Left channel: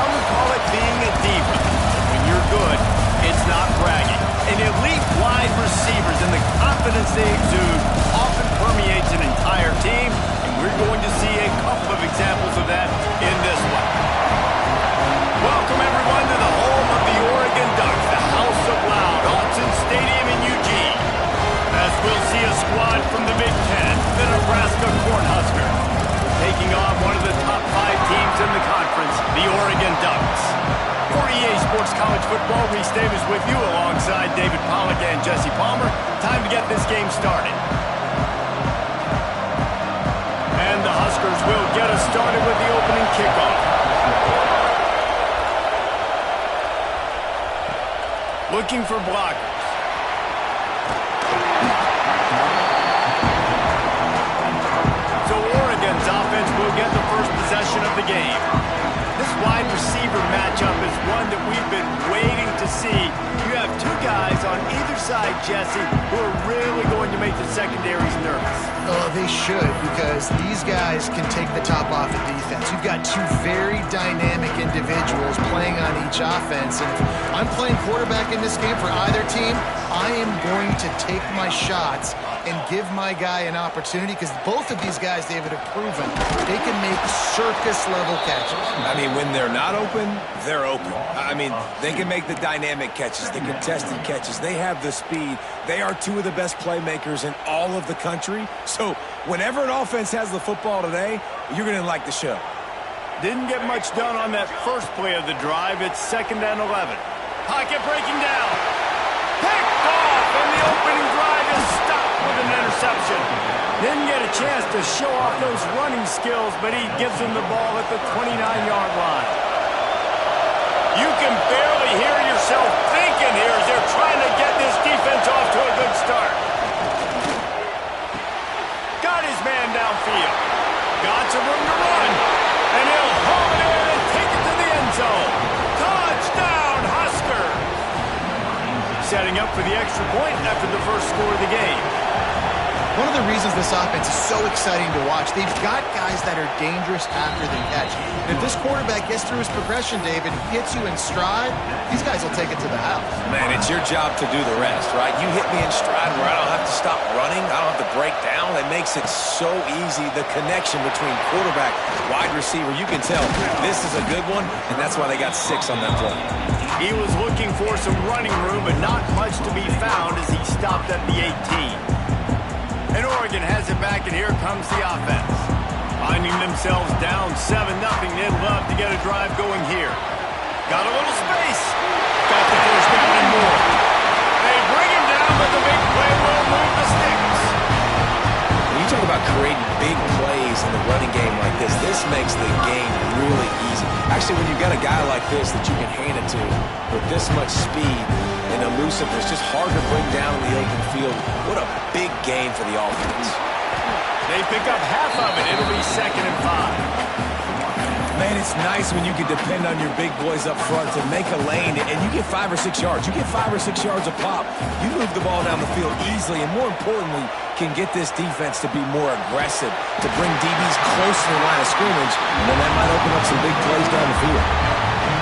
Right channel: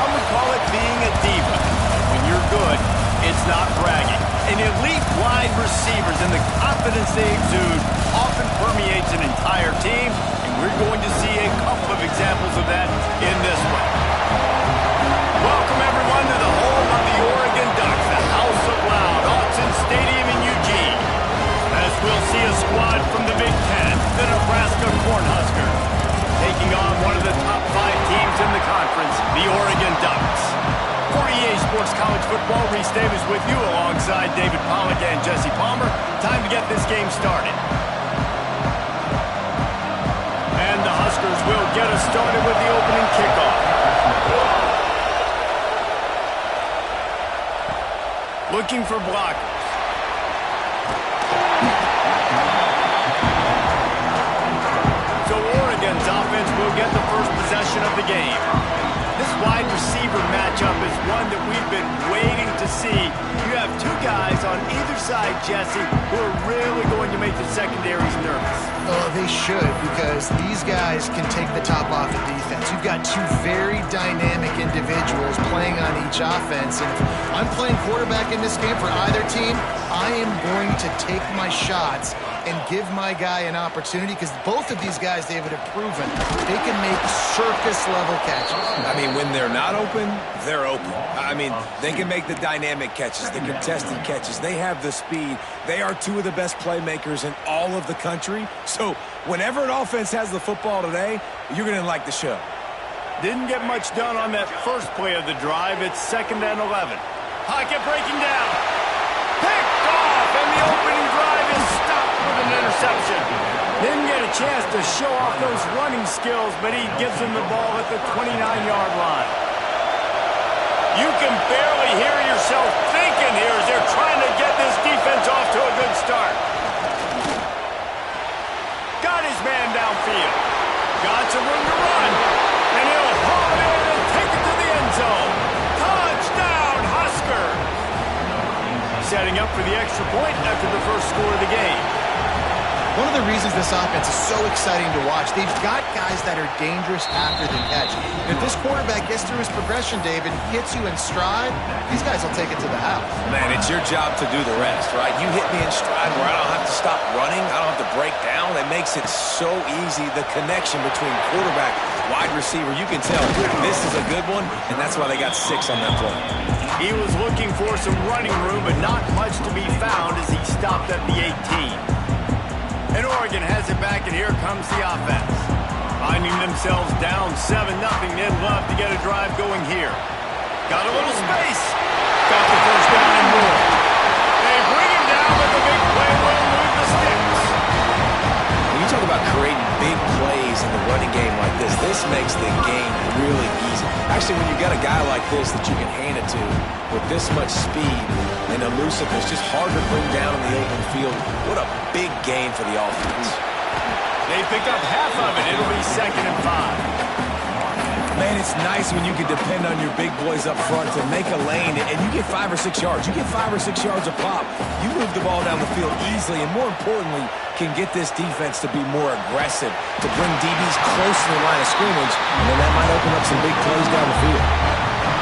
Some would call it being a diva. But when you're good, it's not bragging. And elite wide receivers and the confidence they exude often permeates an entire team, and we're going to see a couple of examples of that in this one. Welcome, everyone, to the home of the Oregon Ducks, the House of Loud, Autzen Stadium in Eugene. As we'll see a squad from the Big Ten, the Nebraska Cornhuskers, taking on one of the top 5 teams in the conference, the Oregon Ducks. For EA Sports College Football, Reese Davis with you alongside David Pollack and Jesse Palmer. Time to get this game started. And the Huskers will get us started with the opening kickoff. Looking for blockers. So Oregon's offense will get the first possession of the game. This wide receiver matchup is one that we've been waiting to see. You have 2 guys on either side, Jesse, who are really going to make the secondaries nervous. Oh, they should, because these guys can take the top off of defense. You've got 2 very dynamic individuals playing on each offense, and if I'm playing quarterback in this game for either team, I am going to take my shots and give my guy an opportunity, because both of these guys, David, have proven they can make circus-level catches. I mean, when they're not open, they're open. I mean, they can make the dynamic catches, the contested catches. They have the speed. They are 2 of the best playmakers in all of the country. So whenever an offense has the football today, you're going to like the show. Didn't get much done on that first play of the drive. It's 2nd and 11. Pocket breaking down. Picked off, and the opening drive is stopped with an interception. Didn't get a chance to show off those running skills, but he gives them the ball at the 29-yard line. You can barely hear yourself thinking here as they're trying to get this defense off to a good start. Got his man downfield. Got some room to run. And he'll haul it in and take it to the end zone. Touchdown, Huskers! Setting up for the extra point after the first score of the game. One of the reasons this offense is so exciting to watch, they've got guys that are dangerous after the catch. And if this quarterback gets through his progression, David, hits you in stride, these guys will take it to the house. Man, it's your job to do the rest, right? You hit me in stride where I don't have to stop running. I don't have to break down. It makes it so easy. The connection between quarterback, wide receiver, you can tell this is a good one, and that's why they got 6 on that play. He was looking for some running room, but not much to be found as he stopped at the 18. And Oregon has it back, and here comes the offense. Finding themselves down 7-0, they'd love to get a drive going here. Got a little space. Got the first down and more. They bring him down, but the big play will move the sticks. When you talk about creating big plays in the running game like this makes the game really easy. Actually, when you've got a guy like this that you can hand it to with this much speed and elusiveness, just hard to bring down in the open field. What a big gain for the offense. They pick up half of it. It'll be 2nd and 5. Man, it's nice when you can depend on your big boys up front to make a lane, and you get 5 or 6 yards. You get 5 or 6 yards a pop. You move the ball down the field easily, and more importantly, can get this defense to be more aggressive, to bring DBs close to the line of scrimmage, and then that might open up some big plays down the field.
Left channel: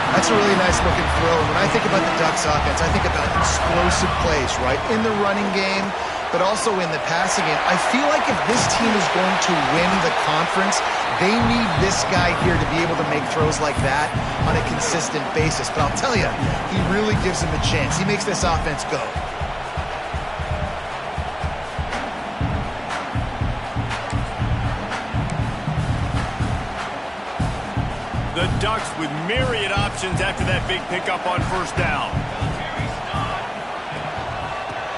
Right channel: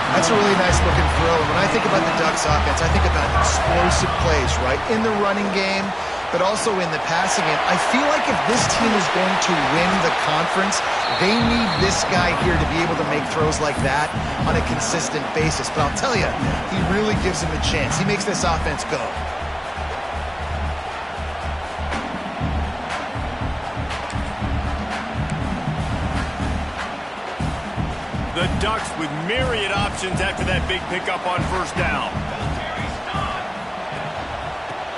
That's a really nice looking throw. And when I think about the Ducks offense, I think about explosive plays, right? In the running game, but also in the passing game. I feel like if this team is going to win the conference, they need this guy here to be able to make throws like that on a consistent basis. But I'll tell you, he really gives them a chance. He makes this offense go. The Ducks with myriad options after that big pickup on first down.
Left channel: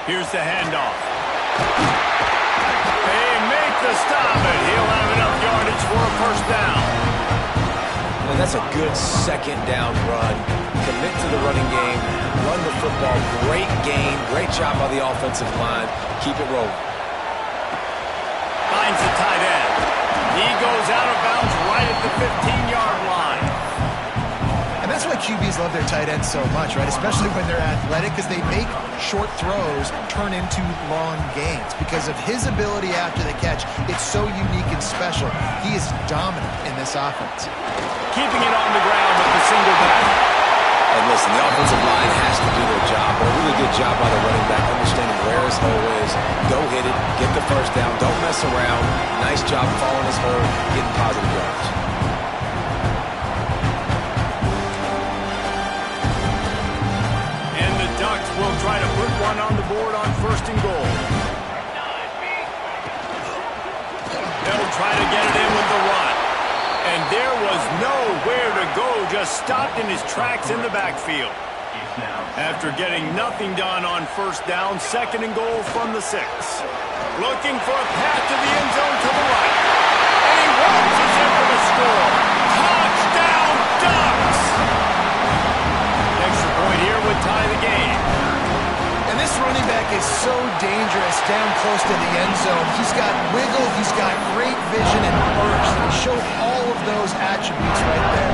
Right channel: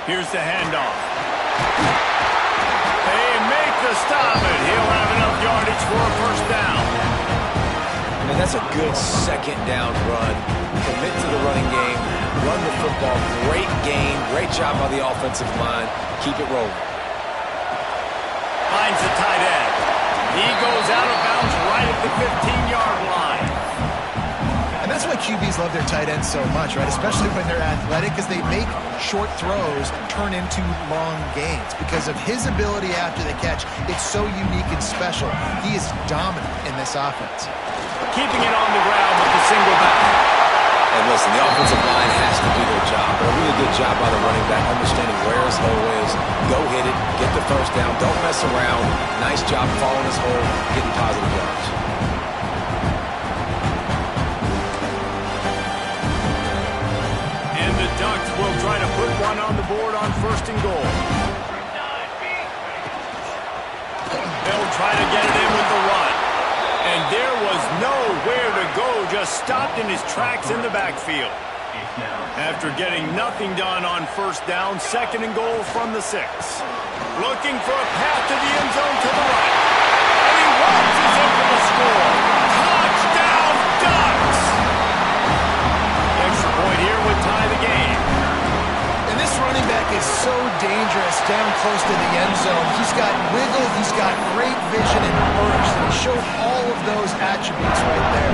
Here's the handoff. They make the stop, and he'll have enough yardage for a first down. And that's a good 2nd down run. Commit to the running game, run the football. Great game, great job by the offensive line. Keep it rolling. Finds the tight end. He goes out of bounds right at the 15-yard line. And that's why QBs love their tight ends so much, right? Especially when they're athletic, because they make short throws turn into long gains. Because of his ability after the catch, it's so unique and special. He is dominant in this offense. Keeping it on the ground with the single back. And listen, the offensive line has to do their job, but a really good job by the running back, understanding where his hole is. Go hit it, get the first down, don't mess around. Nice job following his hole, getting positive yards. And the Ducks will try to put one on the board on 1st and goal. They'll try to get it in with the run. And there was nowhere to go, just stopped in his tracks in the backfield. After getting nothing done on 1st down, 2nd and goal from the 6. Looking for a path to the end zone to the right. And he waltzes in for the score. Touchdown, Ducks! The extra point here would tie the game. And this running back is so dangerous down close to the end zone. He's got wiggle, he's got great vision and burst, and he showed all of those attributes right there.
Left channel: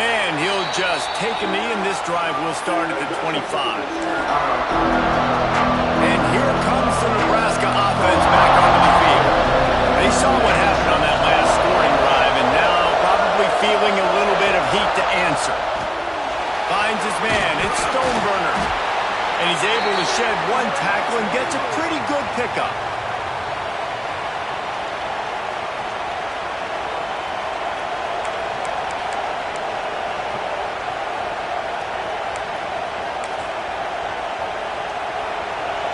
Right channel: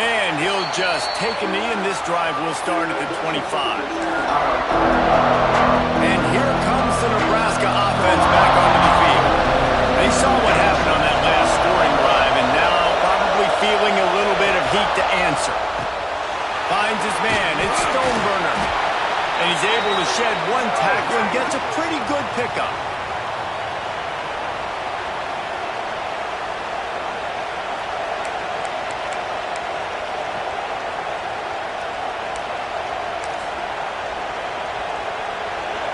And he'll just take a knee, and this drive will start at the 25. And here comes the Nebraska offense back onto the field. They saw what happened on that last scoring drive, and now probably feeling a little bit of heat to answer. Finds his man. It's Stoneburner. And he's able to shed one tackle and gets a pretty good pickup.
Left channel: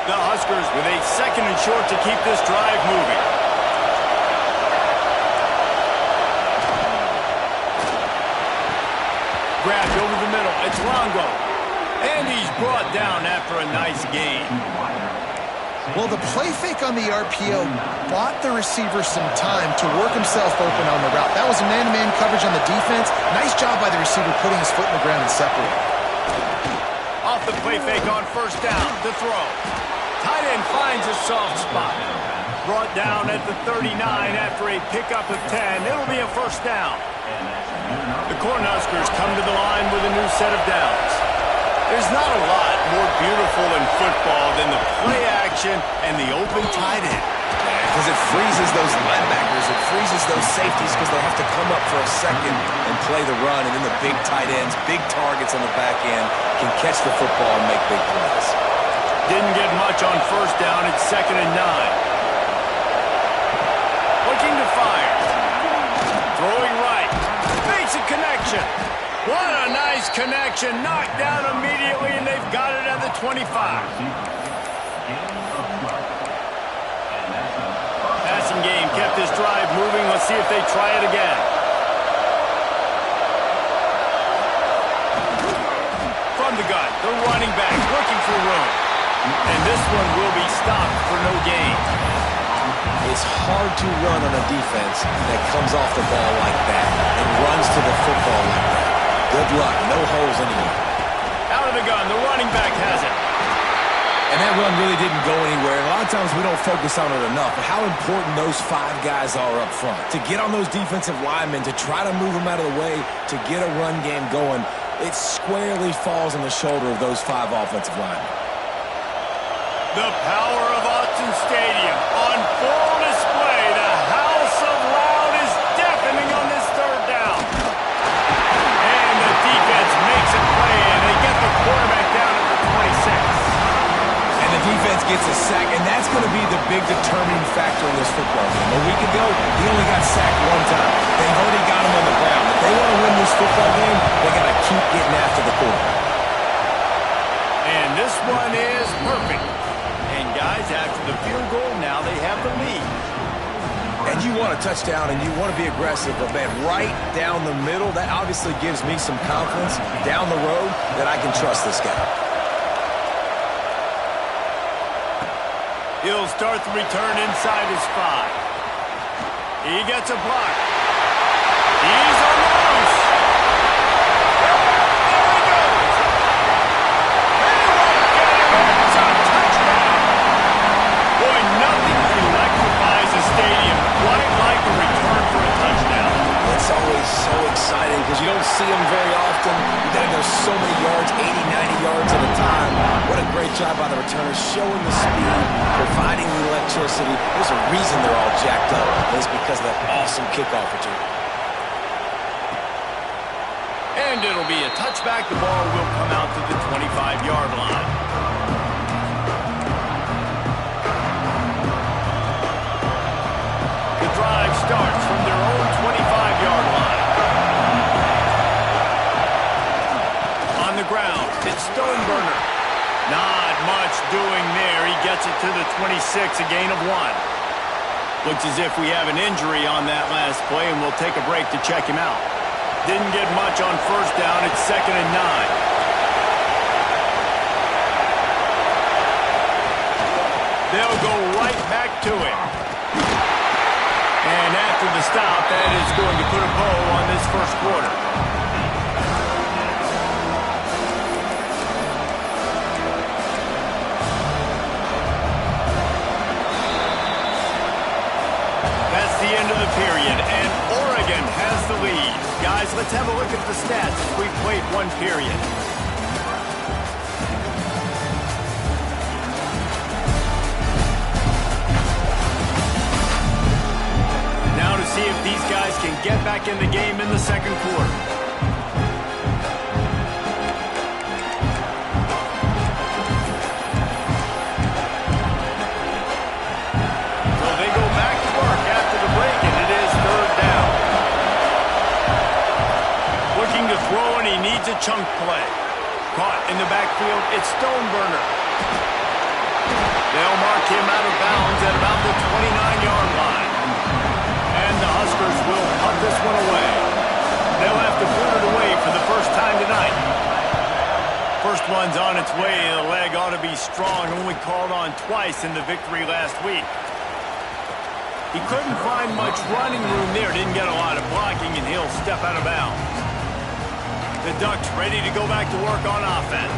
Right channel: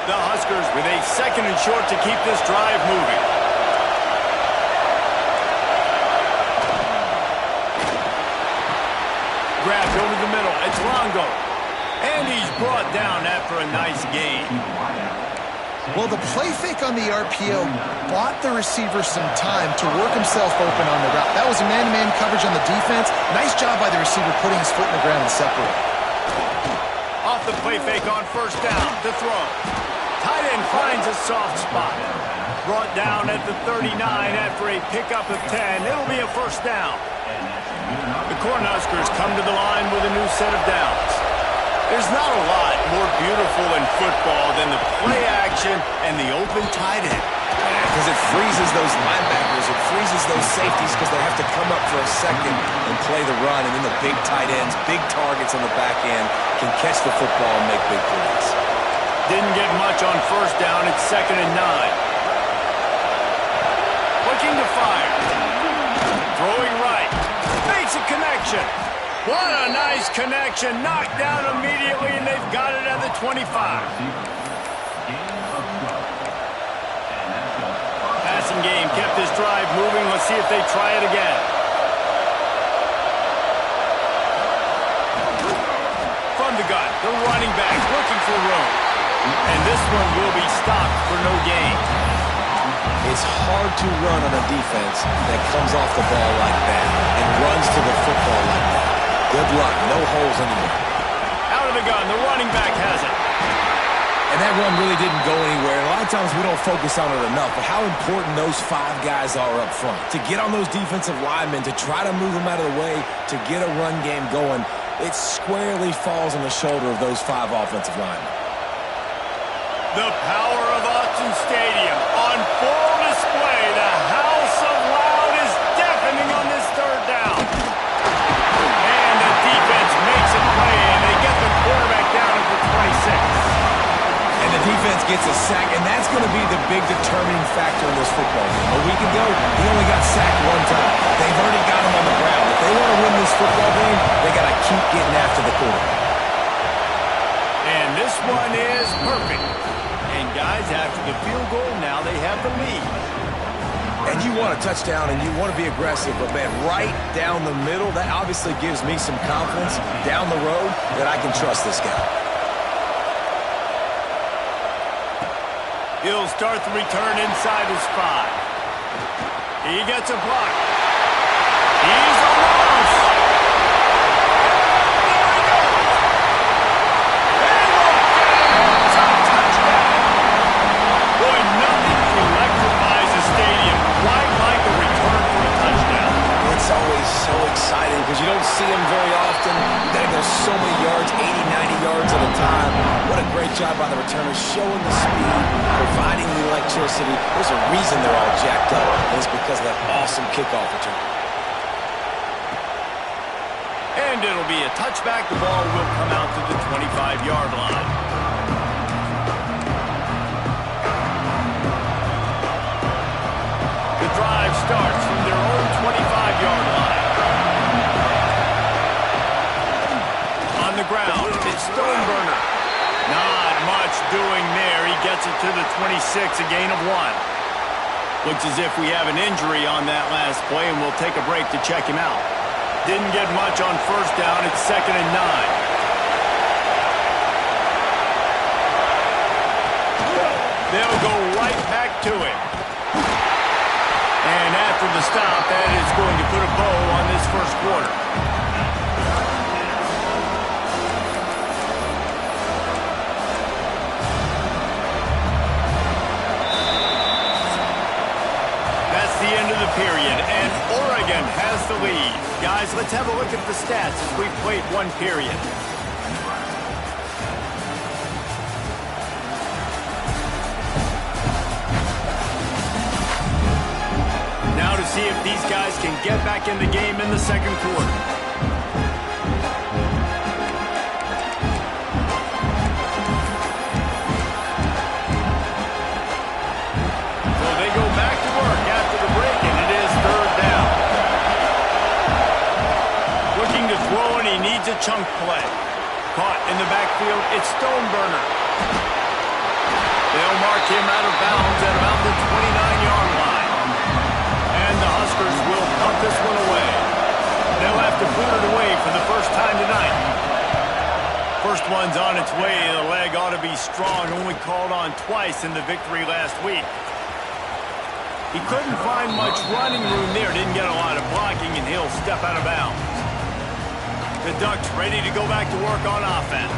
The Huskers with a 2nd and short to keep this drive moving. Grabbed over the middle. It's Longo. And he's brought down after a nice gain. Well, the play fake on the RPO bought the receiver some time to work himself open on the route. That was a man-to-man coverage on the defense. Nice job by the receiver putting his foot in the ground and separating. Off the play fake on 1st down to throw. Tight end finds a soft spot. Brought down at the 39 after a pickup of 10. It'll be a 1st down. The Cornhuskers come to the line with a new set of downs. There's not a lot more beautiful in football than the play action and the open tight end. Because it freezes those linebackers, it freezes those safeties because they have to come up for a second and play the run, and then the big tight ends, big targets on the back end can catch the football and make big plays. Didn't get much on 1st down. It's 2nd and 9. Looking to fire. Throwing right. Makes a connection. What a nice connection. Knocked down immediately, and they've got it at the 25. Passing game kept this drive moving. Let's see if they try it again. From the gun, the running back looking for room. And this one will be stopped for no gain. It's hard to run on a defense that comes off the ball like that and runs to the football like that. Good luck. No holes anywhere. Out of the gun. The running back has it. And that run really didn't go anywhere. And a lot of times we don't focus on it enough, but how important those 5 guys are up front. To get on those defensive linemen, to try to move them out of the way, to get a run game going, it squarely falls on the shoulder of those 5 offensive linemen. The power of Autzen Stadium on full display. The house of loud is deafening on this 3rd down. And the defense makes a play, and they get the quarterback down at the 26. And the defense gets a sack, and that's going to be the big determining factor in this football game. A week ago, he only got sacked 1 time. They've already got him on the ground. If they want to win this football game, they got to keep getting after the quarterback. And this one is perfect. And guys, after the field goal, now they have the lead. And you want a touchdown and you want to be aggressive, but man, right down the middle, that obviously gives me some confidence down the road that I can trust this guy. He'll start the return inside his 5. He gets a block. He's almost. And there he goes. They won't get it. It's a touchdown. Boy, nothing electrifies see them very often. You got to go so many yards, 80, 90 yards at a time. What a great job by the returners, showing the speed, providing the electricity. There's a reason they're all jacked up, and it's because of that awesome kickoff return. And it'll be a touchback. The ball will come out to the 25-yard line. The drive starts from their own 25-yard line. On the ground, it's Stoneburner. Not much doing there. He gets it to the 26, a gain of 1. Looks as if we have an injury on that last play, and we'll take a break to check him out. Didn't get much on first down. It's 2nd and 9. They'll go right back to him. And after the stop, that is going to put a bow on this first quarter. That's the end of the period, and Oregon has the lead. Guys, let's have a look at the stats as we've played one period. Now to see if these guys can get back in the game in the second quarter. So they go back to work after the break, and it is 3rd down. Looking to throw, and he needs a chunk play. Caught in the backfield, it's Stoneburner. They'll mark him out of bounds at about the 29-yard line. And the Huskers will punt this one away. They'll have to boot it away for the first time tonight. First one's on its way. The leg ought to be strong. Only called on twice in the victory last week. He couldn't find much running room there. Didn't get a lot of blocking, and he'll step out of bounds. The Ducks ready to go back to work on offense.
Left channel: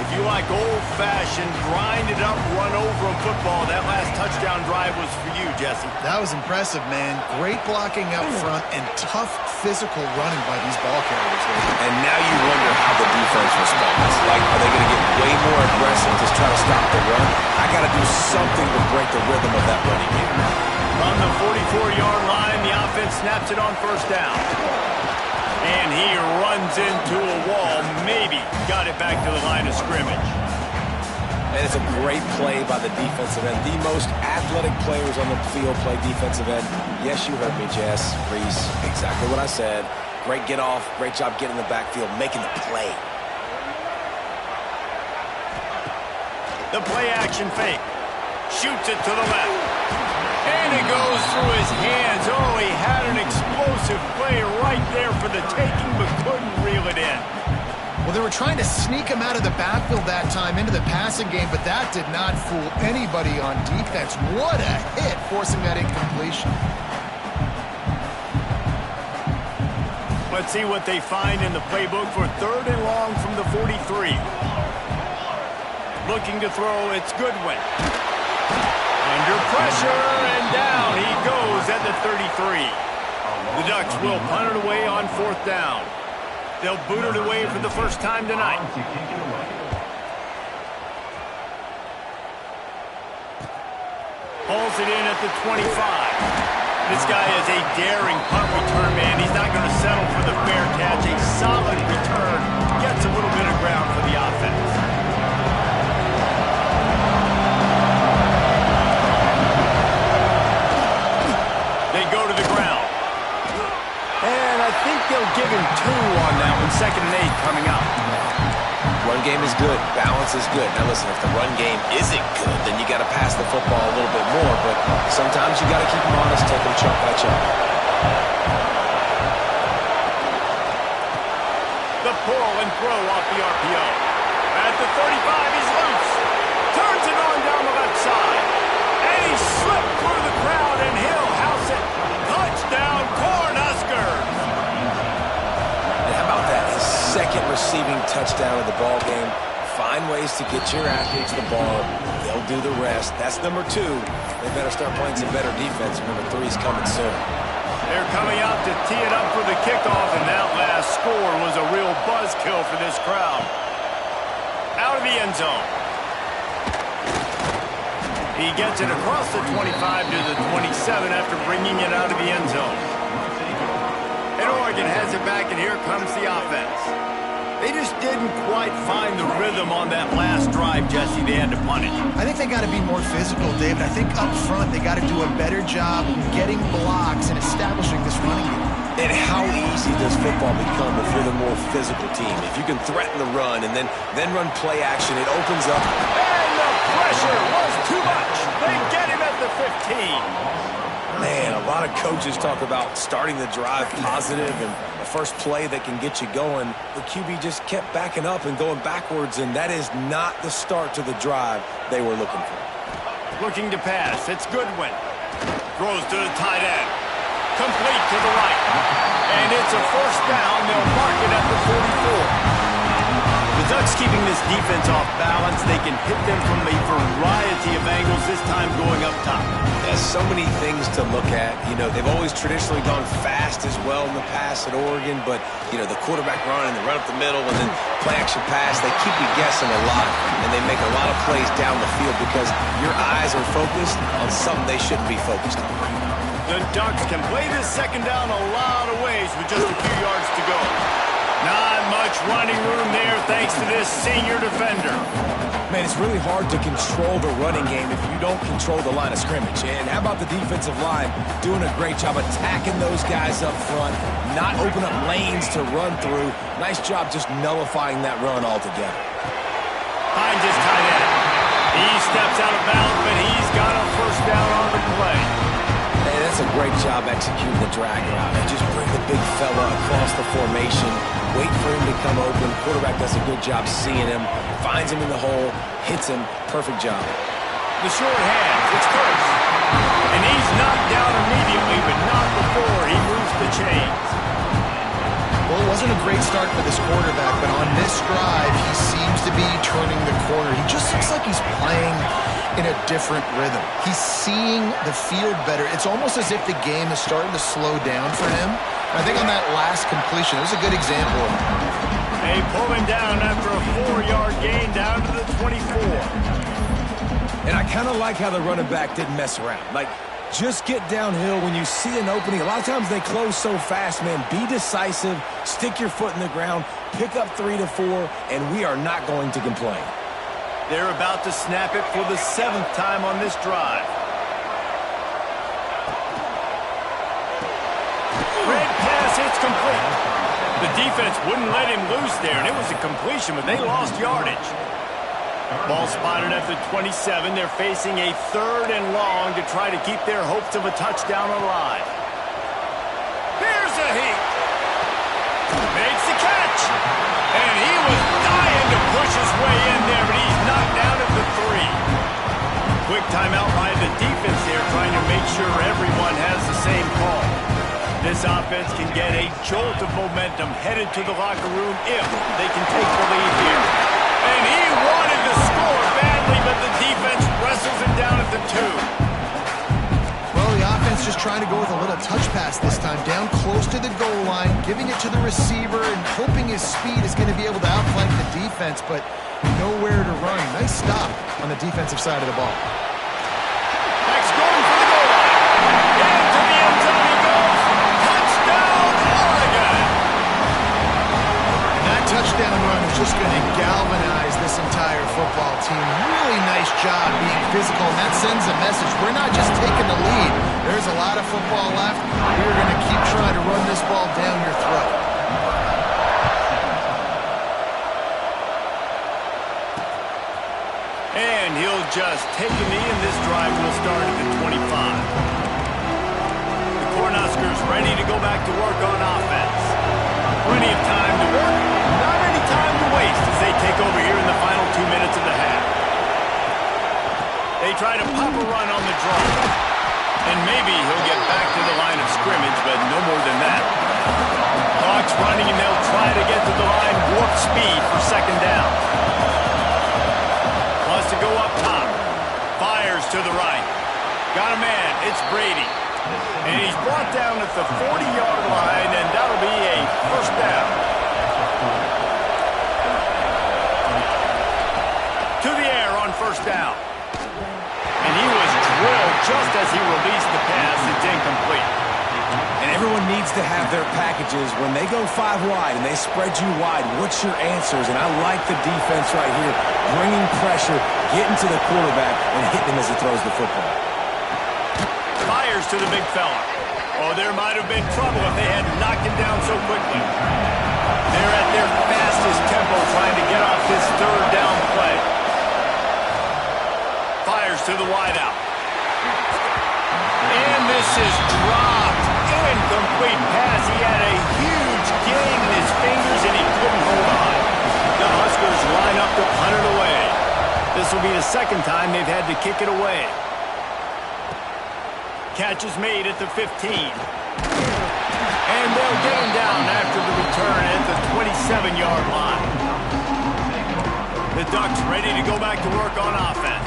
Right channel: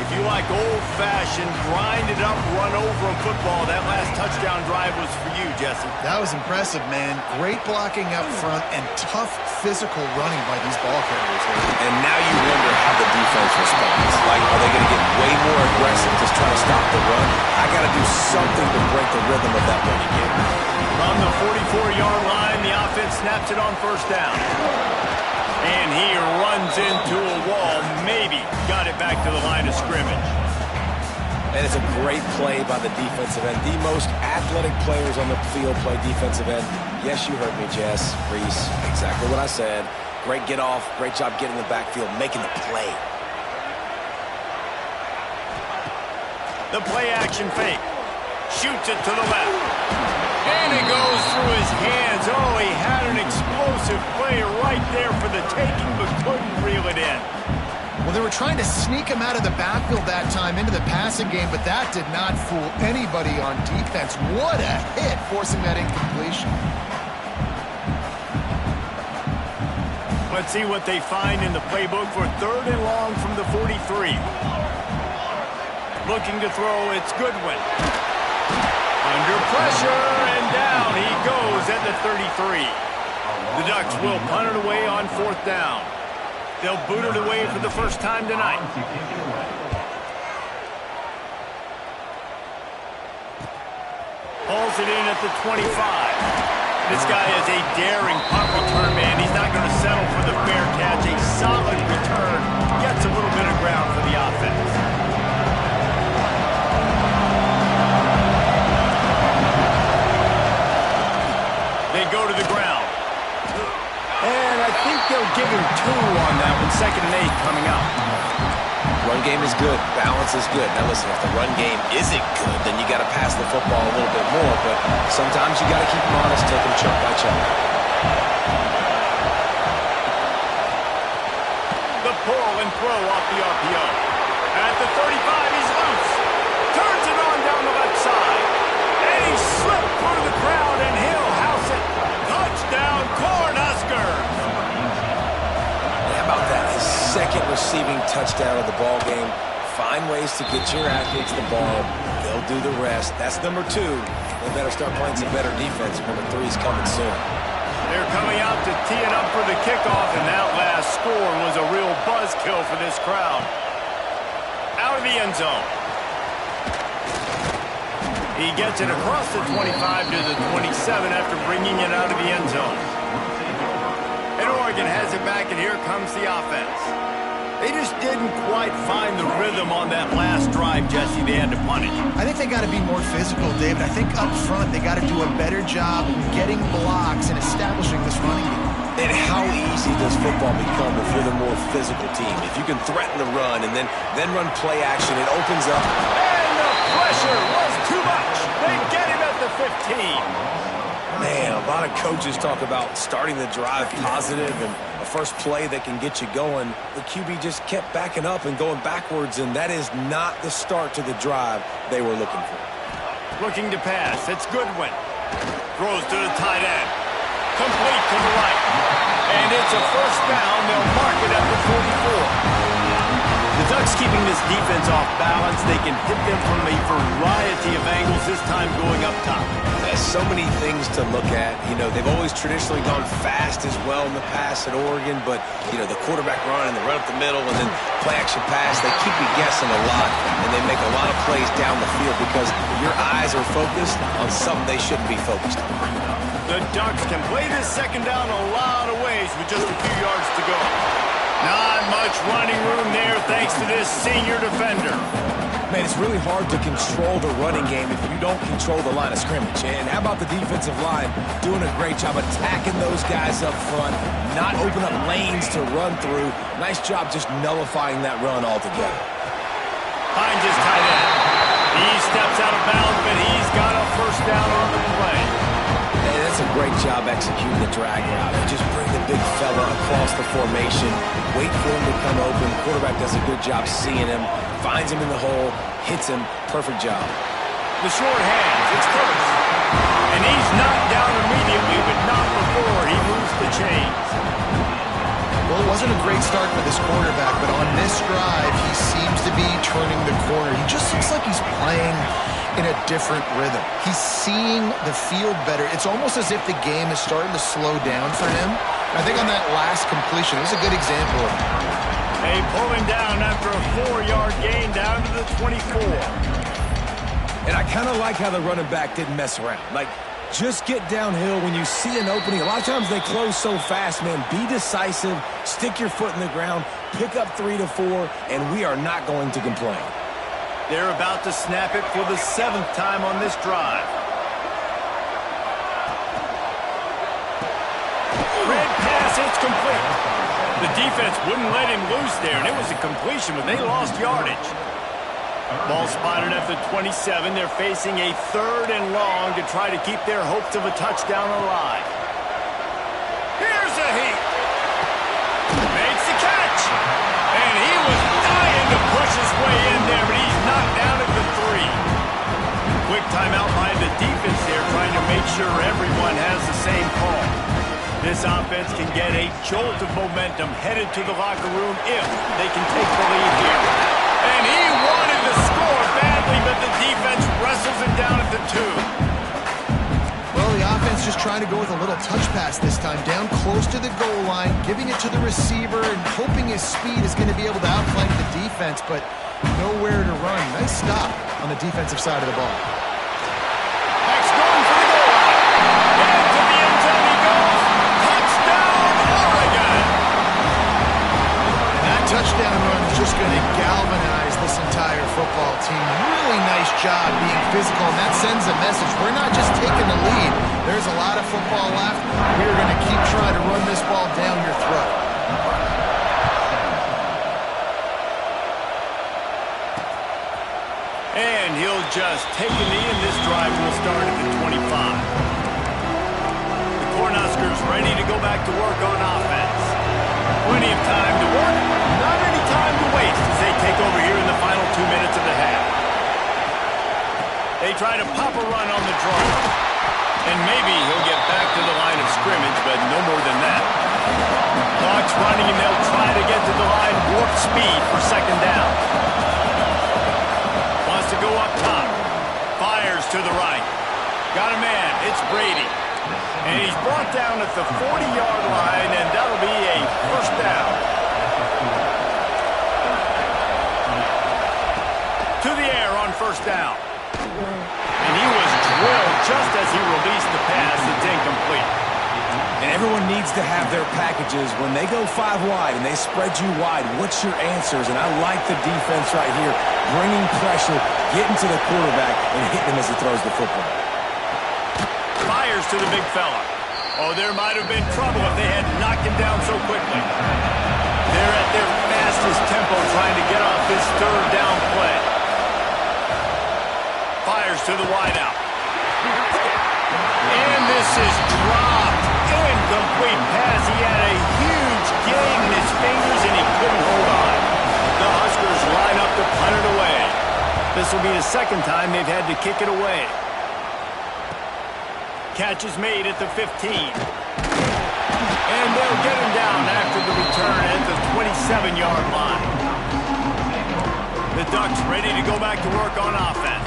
If you like old-fashioned, grind-it-up, run-over football, that last touchdown drive was for you, Jesse. That was impressive, man. Great blocking up front and tough physical running by these ball carriers. And now you wonder how the defense responds. Like, are they going to get way more aggressive to try to stop the run? I got to do something to break the rhythm of that running game. From the 44-yard line, the offense snaps it on first down. And he runs into a wall. Maybe got it back to the line of scrimmage. And it's a great play by the defensive end. The most athletic players on the field play defensive end. Yes, you heard me, Jess, Reese. Exactly what I said. Great get off. Great job getting in the backfield, making the play. The play action fake. Shoots it to the left. And it goes through his hands. Oh, he had an explosive play right there for the taking, but couldn't reel it in. Well, they were trying to sneak him out of the backfield that time into the passing game, but that did not fool anybody on defense. What a hit, forcing that incompletion. Let's see what they find in the playbook for 3rd and long from the 43. Looking to throw, it's Goodwin. Under pressure, and down he goes at the 33. The Ducks will punt it away on 4th down. They'll boot it away for the first time tonight. Hauls it in at the 25. This guy is a daring punt return man. He's not going to settle for the fair catch. A solid return. Gets a little bit of ground for the offense. They go to the ground. And I think they'll give him 2 on that one. 2nd and 8 coming up. Run game is good. Balance is good. Now listen, if the run game isn't good, then you got to pass the football a little bit more. But sometimes you got to keep them honest, take them chunk by chunk. The pull and throw off the RPO. At the 35, he's loose. Turns it on down the left side. And he slipped through the crowd, and he'll house it. Touchdown, Cornhuskers. And how about that? His 2nd receiving touchdown of the ball game. Find ways to get your athletes the ball. They'll do the rest. That's number 2. They better start playing some better defense. Number 3 is coming soon. They're coming out to tee it up for the kickoff, and that last score was a real buzzkill for this crowd. Out of the end zone. He gets it across the 25 to the 27 after bringing it out of the end zone. And Oregon has it back, and here comes the offense. They just didn't quite find the rhythm on that last drive, Jesse. They had to punt it. I think they got to be more physical, David. I think up front they got to do a better job getting blocks and establishing this running game. And how easy does football become if you're the more physical team? If you can threaten the run and then run play action, it opens up. And the pressure was too much. They get him at the 15. Man, a lot of coaches talk about starting the drive positive and a first play that can get you going. The QB just kept backing up and going backwards, and that is not the start to the drive they were looking for. Looking to pass. It's Goodwin. Throws to the tight end. Complete to the right. And it's a first down. They'll mark it at the 44. The Ducks keeping this defense off balance. They can hit them from a variety of angles, this time going up top. There's so many things to look at. You know, they've always traditionally gone fast as well in the past at Oregon, but, you know, the quarterback run and the run up the middle and then play action pass, they keep you guessing a lot, and they make a lot of plays down the field because your eyes are focused on something they shouldn't be focused on. The Ducks can play this second down a lot of ways with just a few yards to go. Not much running room there thanks to this senior defender. Man, it's really hard to control the running game if you don't control the line of scrimmage. And how about the defensive line doing a great job attacking those guys up front, not open up lanes to run through. Nice job just nullifying that run altogether. Finds his tight end. He steps out of bounds, but he's got a first down on the play. Hey, that's a great job executing the drag route. You just bring the big fella across the formation, wait for him to come open. Quarterback does a good job seeing him, finds him in the hole, hits him. Perfect job. The short hands, it's Kurtz. And he's knocked down immediately, but not before he moves the chains. Well, it wasn't a great start for this quarterback, but on this drive, he seems to be turning the corner. He just looks like he's playing in a different rhythm. He's seeing the field better. It's almost as if the game is starting to slow down for him. And I think on that last completion, it was a good example of it. They pull him down after a 4-yard gain down to the 24. And I kind of like how the running back didn't mess around. Like, just get downhill when you see an opening. A lot of times they close so fast, man. Be decisive, stick your foot in the ground, pick up 3 to 4, and we are not going to complain. They're about to snap it for the 7th time on this drive. Red pass, it's complete. The defense wouldn't let him loose there, and it was a completion, but they lost yardage. Ball spotted at the 27. They're facing a 3rd and long to try to keep their hopes of a touchdown alive. Here's a heat. Makes the catch. And he was dying to push his way in there, but he's knocked down at the 3. Quick timeout by the defense there, trying to make sure everyone has the same call. This offense can get a jolt of momentum headed to the locker room if they can take the lead here. And he wanted to score badly, but the defense wrestles him down at the 2. Well, the offense just trying to go with a little touch pass this time, down close to the goal line, giving it to the receiver and hoping his speed is going to be able to outflank the defense, but nowhere to run. Nice stop on the defensive side of the ball. Next going for the goal line. Into the end zone he goes. Touchdown, Oregon! That touchdown run is just going to galvanize this entire football team. Really nice job being physical, and that sends a message. We're not just taking the lead. There's a lot of football left. We're going to keep trying to run this ball down your throat. And he'll just take a knee, and this drive will start at the 25. The Cornhuskers ready to go back to work on offense. Plenty of time to work, not any time to waste as they take over here in the final 2 minutes of the half. They try to pop a run on the draw. And maybe he'll get back to the line of scrimmage, but no more than that. Clock's running, and they'll try to get to the line warp speed for 2nd down. Wants to go up top. Fires to the right. Got a man. It's Brady. And he's brought down at the 40-yard line, and that'll be a first down. To the air on first down. And he was drilled just as he released the pass. It's incomplete. And everyone needs to have their packages. When they go 5 wide and they spread you wide, what's your answers? And I like the defense right here, bringing pressure, getting to the quarterback, and hitting him as he throws the football. Fires to the big fella. Oh, there might have been trouble if they had knocked him down so quickly. They're at their fastest tempo trying to get off this third down play. Fires to the wideout. And this is dropped. Incomplete pass. He had a huge gain in his fingers and he couldn't hold on. The Huskers line up to punt it away. This will be the second time they've had to kick it away. Catch is made at the 15. And they'll get him down after the return at the 27-yard line. The Ducks ready to go back to work on offense.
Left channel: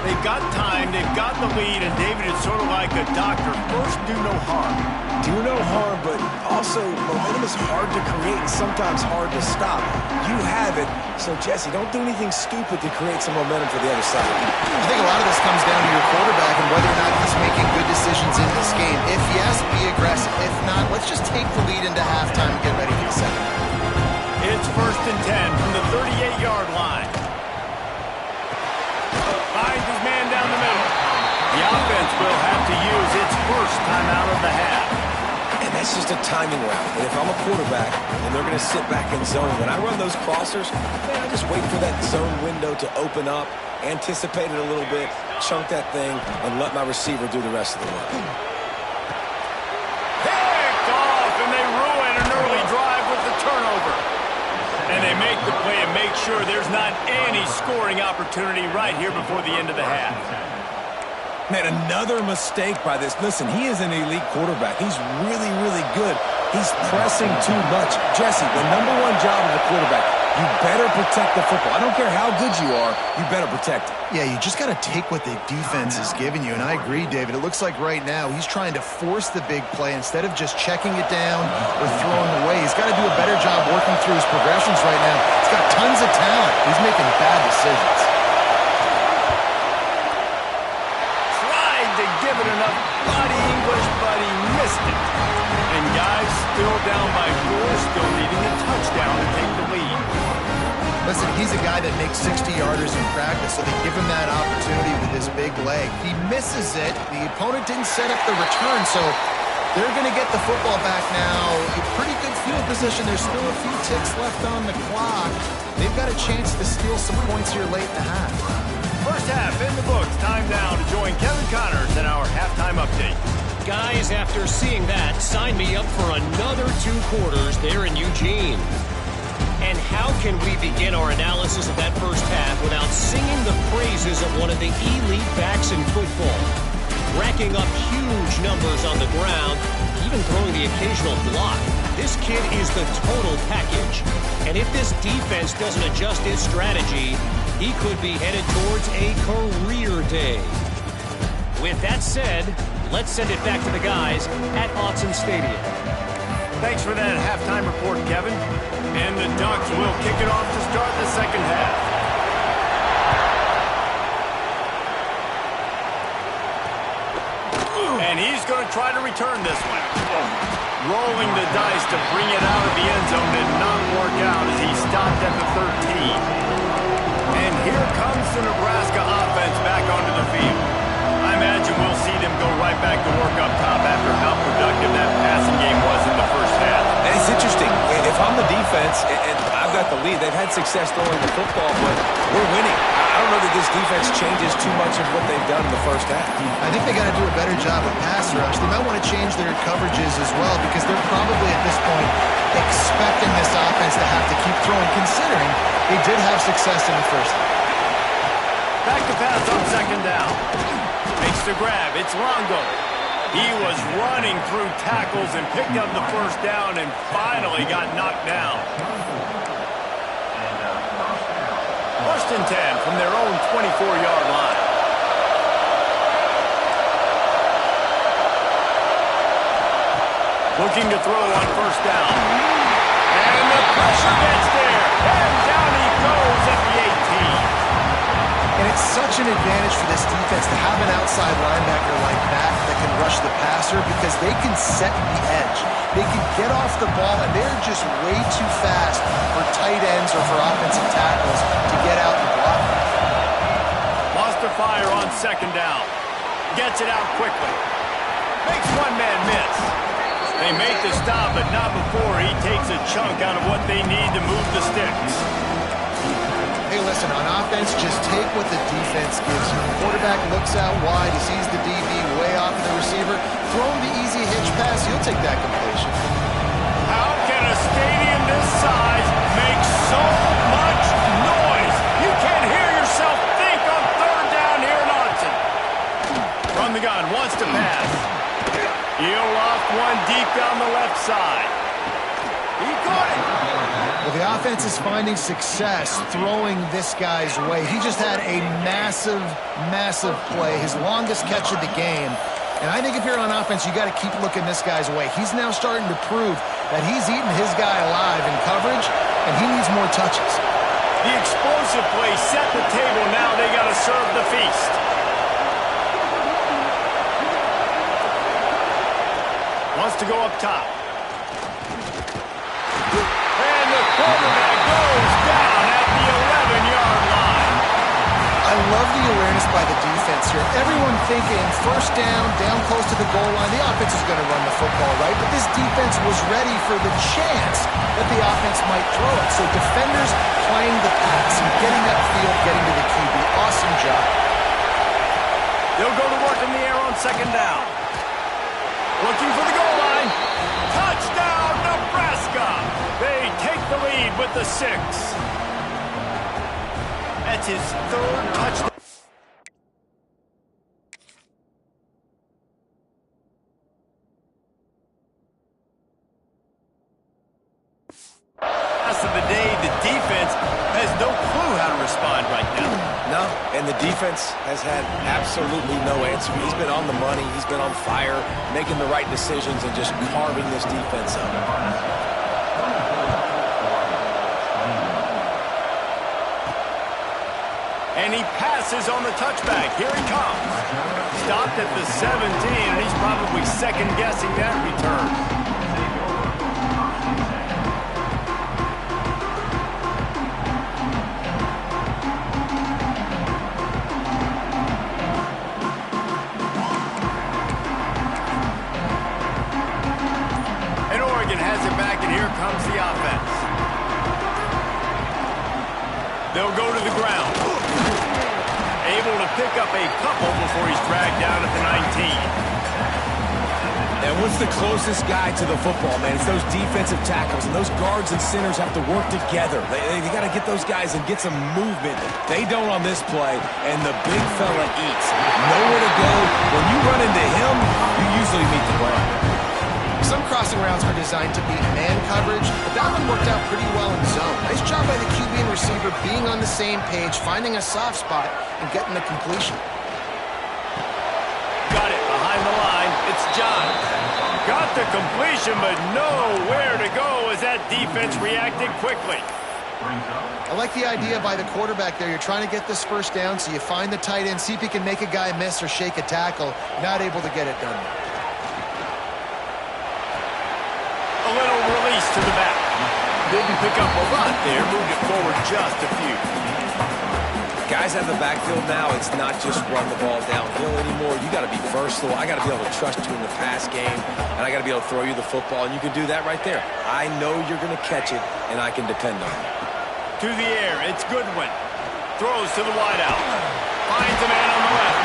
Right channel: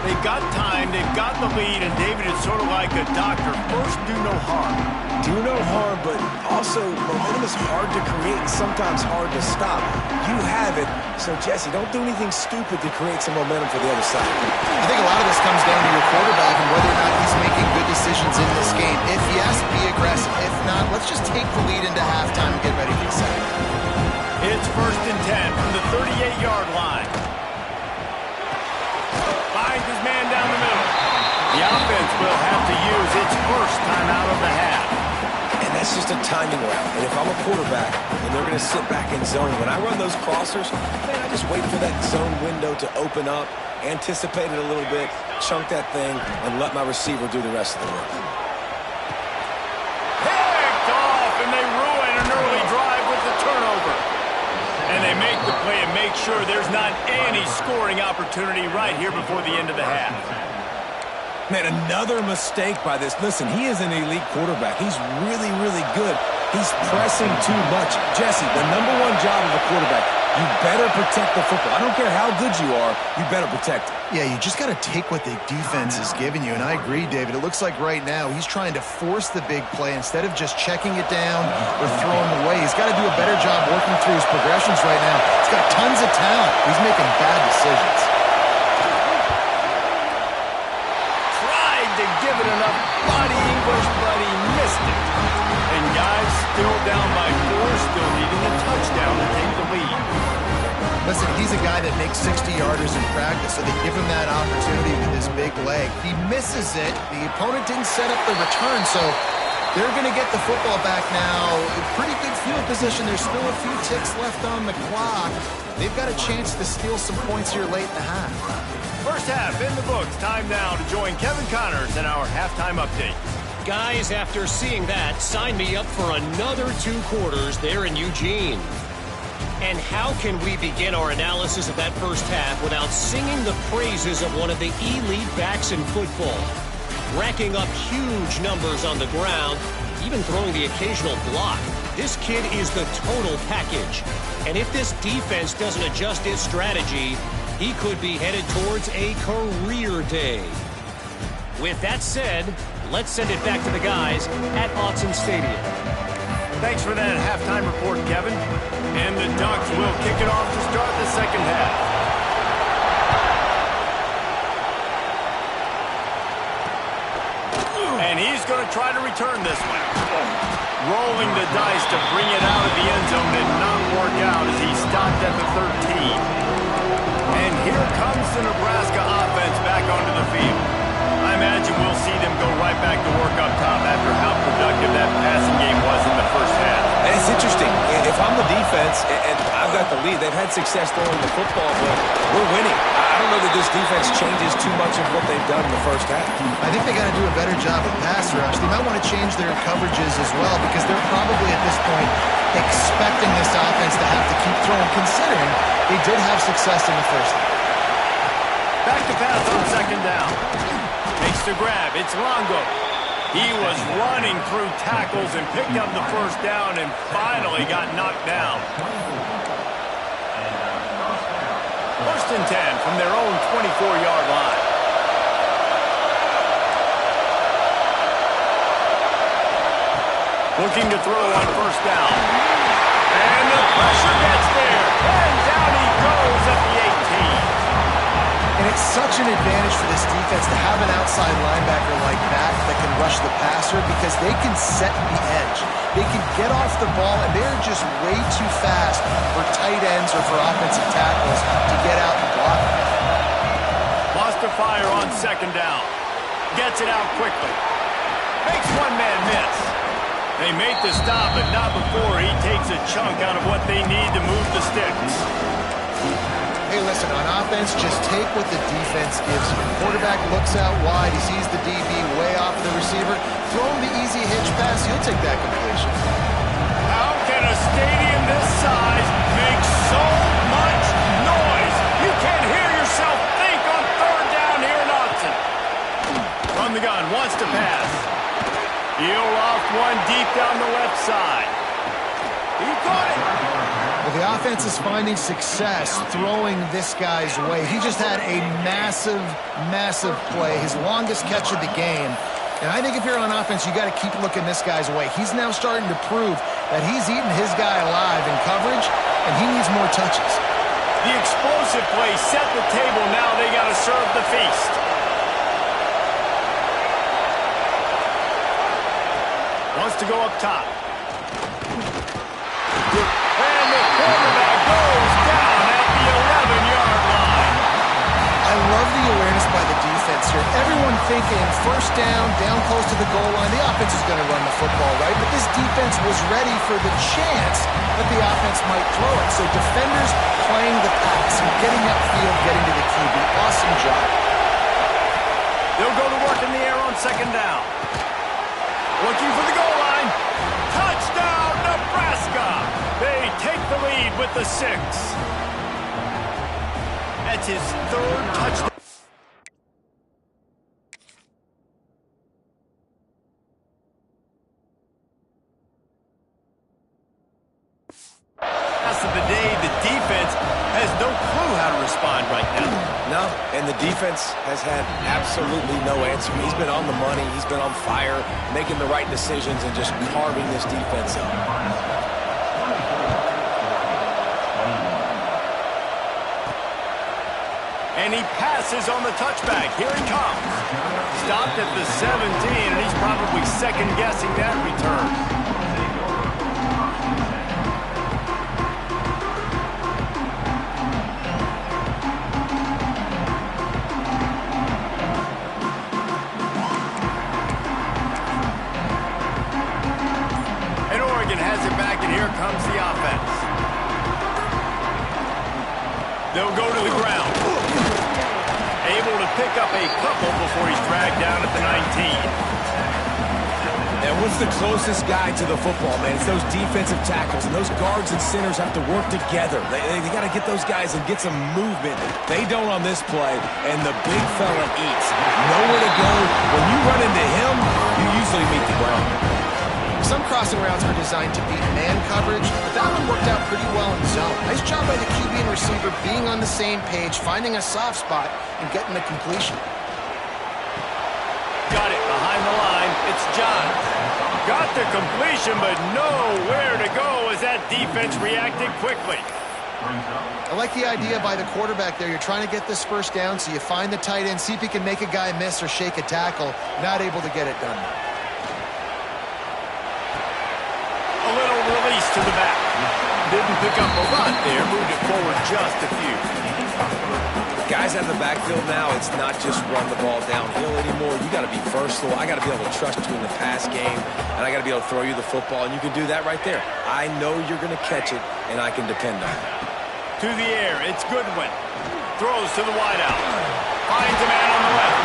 They've got time, they've got the lead, and David, it's sort of like a doctor. First, do no harm. Do no harm, but also momentum is hard to create and sometimes hard to stop. You have it, so Jesse, don't do anything stupid to create some momentum for the other side. I think a lot of this comes down to your quarterback and whether or not he's making good decisions in this game. If yes, be aggressive. If not, let's just take the lead into halftime and get ready for the second. It's 1st and 10 from the 38-yard line. Finds his man down the middle. The offense will have to use its first timeout of the half. And that's just a timing route. And if I'm a quarterback and they're going to sit back in zone, when I run those crossers, man, I just wait for that zone window to open up, anticipate it a little bit, chunk that thing, and let my receiver do the rest of the work. Picked off, and they ruin an early drive with the turnover. And they make the play and make sure there's not any scoring opportunity right here before the end of the half. Man, another mistake by this. Listen, he is an elite quarterback. He's really, really good. He's pressing too much. Jesse, the #1 job of a quarterback, you better protect the football. I don't care how good you are, you better protect it. Yeah, you just got to take what the defense is giving you, and I agree, David. It looks like right now he's trying to force the big play instead of just checking it down or throwing away. He's got to do a better job working through his progressions right now. He's got tons of talent. He's making bad decisions. Tried to give it enough body English, but he missed it. And guys, still down by 4, still needing a touchdown to take the lead. Listen, he's a guy that makes 60-yarders in practice, so they give him that opportunity with his big leg. He misses it. The opponent didn't set up the return, so they're going to get the football back now. Pretty good field position. There's still a few ticks left on the clock. They've got a chance to steal some points here late in the half. First half in the books. Time now to join Kevin Connors in our halftime update. Guys, after seeing that, sign me up for another 2 quarters there in Eugene. And how can we begin our analysis of that first half without singing the praises of one of the elite backs in football? Racking up huge numbers on the ground, even throwing the occasional block. This kid is the total package. And if this defense doesn't adjust its strategy, he could be headed towards a career day. With that said, let's send it back to the guys at Autzen Stadium. Thanks for that halftime report, Kevin. And the Ducks will kick it off to start the second half. And he's going to try to return this one. Rolling the dice to bring it out of the end zone did not work out as he stopped at the 13. And here comes the Nebraska offense back onto the field. I imagine we'll see them go right back to work up top after how productive that passing game was in the first half. And it's interesting. If I'm the defense and I've got the lead, they've had success throwing the football, but we're winning. I don't know that this defense changes too much of what they've done in the first half. I think they got to do a better job of pass rush. They might want to change their coverages as well because they're probably at this point expecting this offense to have to keep throwing, considering they did have success in the first half. Back to pass on second down. Makes the grab. It's Longo. He was running through tackles and picked up the first down and finally got knocked down. 1st and 10 from their own 24-yard line. Looking to throw on first down. And the pressure gets there. And down he goes at the 18. And it's such an advantage for this defense to have an outside linebacker like that can rush the passer because they can set the edge. They can get off the ball, and they're just way too fast for tight ends or for offensive tackles to get out and block them. Wants to fire on second down. Gets it out quickly. Makes one man miss. They make the stop, but not before he takes a chunk out of what they need to move the sticks. Hey, listen, on offense, just take what the defense gives you. The quarterback looks out wide. He sees the DB way off of the receiver. Throw him the easy hitch pass. You'll take that completion. How can a stadium this size make so much noise? You can't hear yourself think on third down here in Austin. From the gun, wants to pass. He'll off one deep down the left side. He caught it. Well, the offense is finding success throwing this guy's way. He just had a massive, massive play, his longest catch of the game. And I think if you're on offense, you got to keep looking this guy's way. He's now starting to prove that he's eating his guy alive in coverage, and he needs more touches. The explosive play set the table. Now they got to serve the feast. Wants to go up top. And the quarterback goes down at the 11-yard line. I love the awareness by the defense here. Everyone thinking first down, down close to the goal line. The offense is going to run the football, right? But this defense was ready for the chance that the offense might throw it. So defenders playing the pass and getting upfield, getting to the QB. Awesome job. They'll go to work in the air on second down. Looking for the goal line. Touchdown, Nebraska! They take the lead with the 6. That's his third touchdown. Rest of the day, the defense has no clue how to respond right now. No, and the defense has had absolutely no answer. He's been on the money. He's been on fire, making the right decisions and just carving this defense up. And he passes on the touchback. Here he comes. Stopped at the 17, and he's probably second-guessing that return. Has it back, and here comes the offense. They'll go to the ground. Able to pick up a couple before he's dragged down at the 19. And what's the closest guy to the football, man? It's those defensive tackles, and those guards and centers have to work together. They got to get those guys and get some movement. They don't on this play, and the big fella eats. Nowhere to go. When you run into him, you usually meet the ground. Some crossing routes are designed to beat man coverage, but that one worked out pretty well in zone. Nice job by the QB and receiver being on the same page, finding a soft spot, and getting the completion. Got it behind the line. It's John. Got the completion, but nowhere to go as that defense reacted quickly. I like the idea by the quarterback there. You're trying to get this first down, so you find the tight end, see if he can make a guy miss or shake a tackle. Not able to get it done. A little release to the back. Didn't pick up a lot there. Moved it forward just a few. Guys out of the backfield now, it's not just run the ball downhill anymore. You got to be versatile. I got to be able to trust you in the pass game, and I got to be able to throw you the football, and you can do that right there. I know you're going to catch it, and I can depend on it. To the air, it's Goodwin. Throws to the wideout. Finds a man on the left.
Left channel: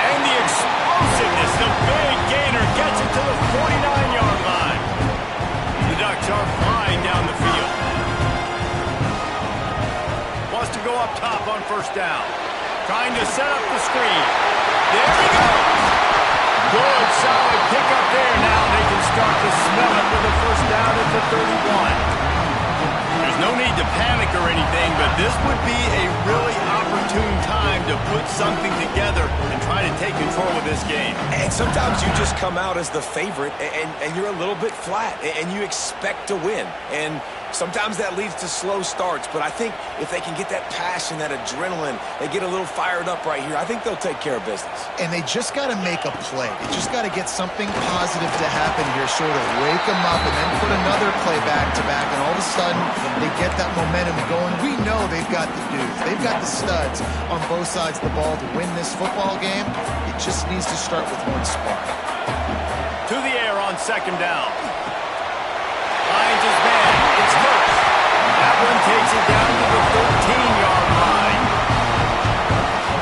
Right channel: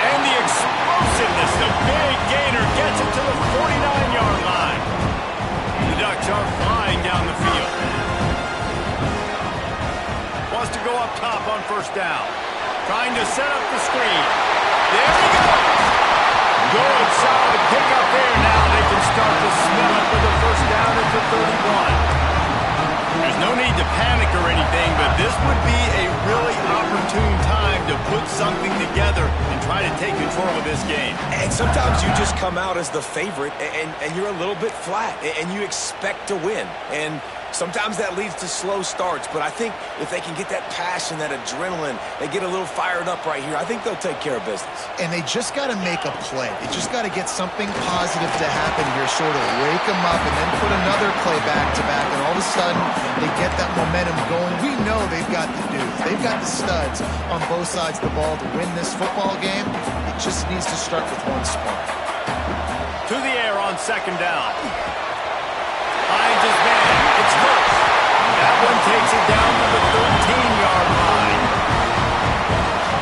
And the explosiveness, the big gainer, gets it to the 49-yard line. The Ducks are flying down the field. Wants to go up top on first down. Trying to set up the screen. There he goes. Good, solid pickup there. Now they can start to smell it with the first down at the 31. There's no need to panic or anything, but this would be a really opportune time to put something together and try to take control of this game. And sometimes you just come out as the favorite, and you're a little bit flat, and you expect to win. And sometimes that leads to slow starts, but I think if they can get that passion, that adrenaline, they get a little fired up right here, I think they'll take care of business. And they just got to make a play. They just got to get something positive to happen here, sort of wake them up, and then put another play back-to-back, and all of a sudden they get that momentum going. We know they've got the dudes. They've got the studs on both sides of the ball to win this football game. It just needs to start with one spark. To the air on second down. Finds his man. It's first. That one takes it down to the 13-yard line.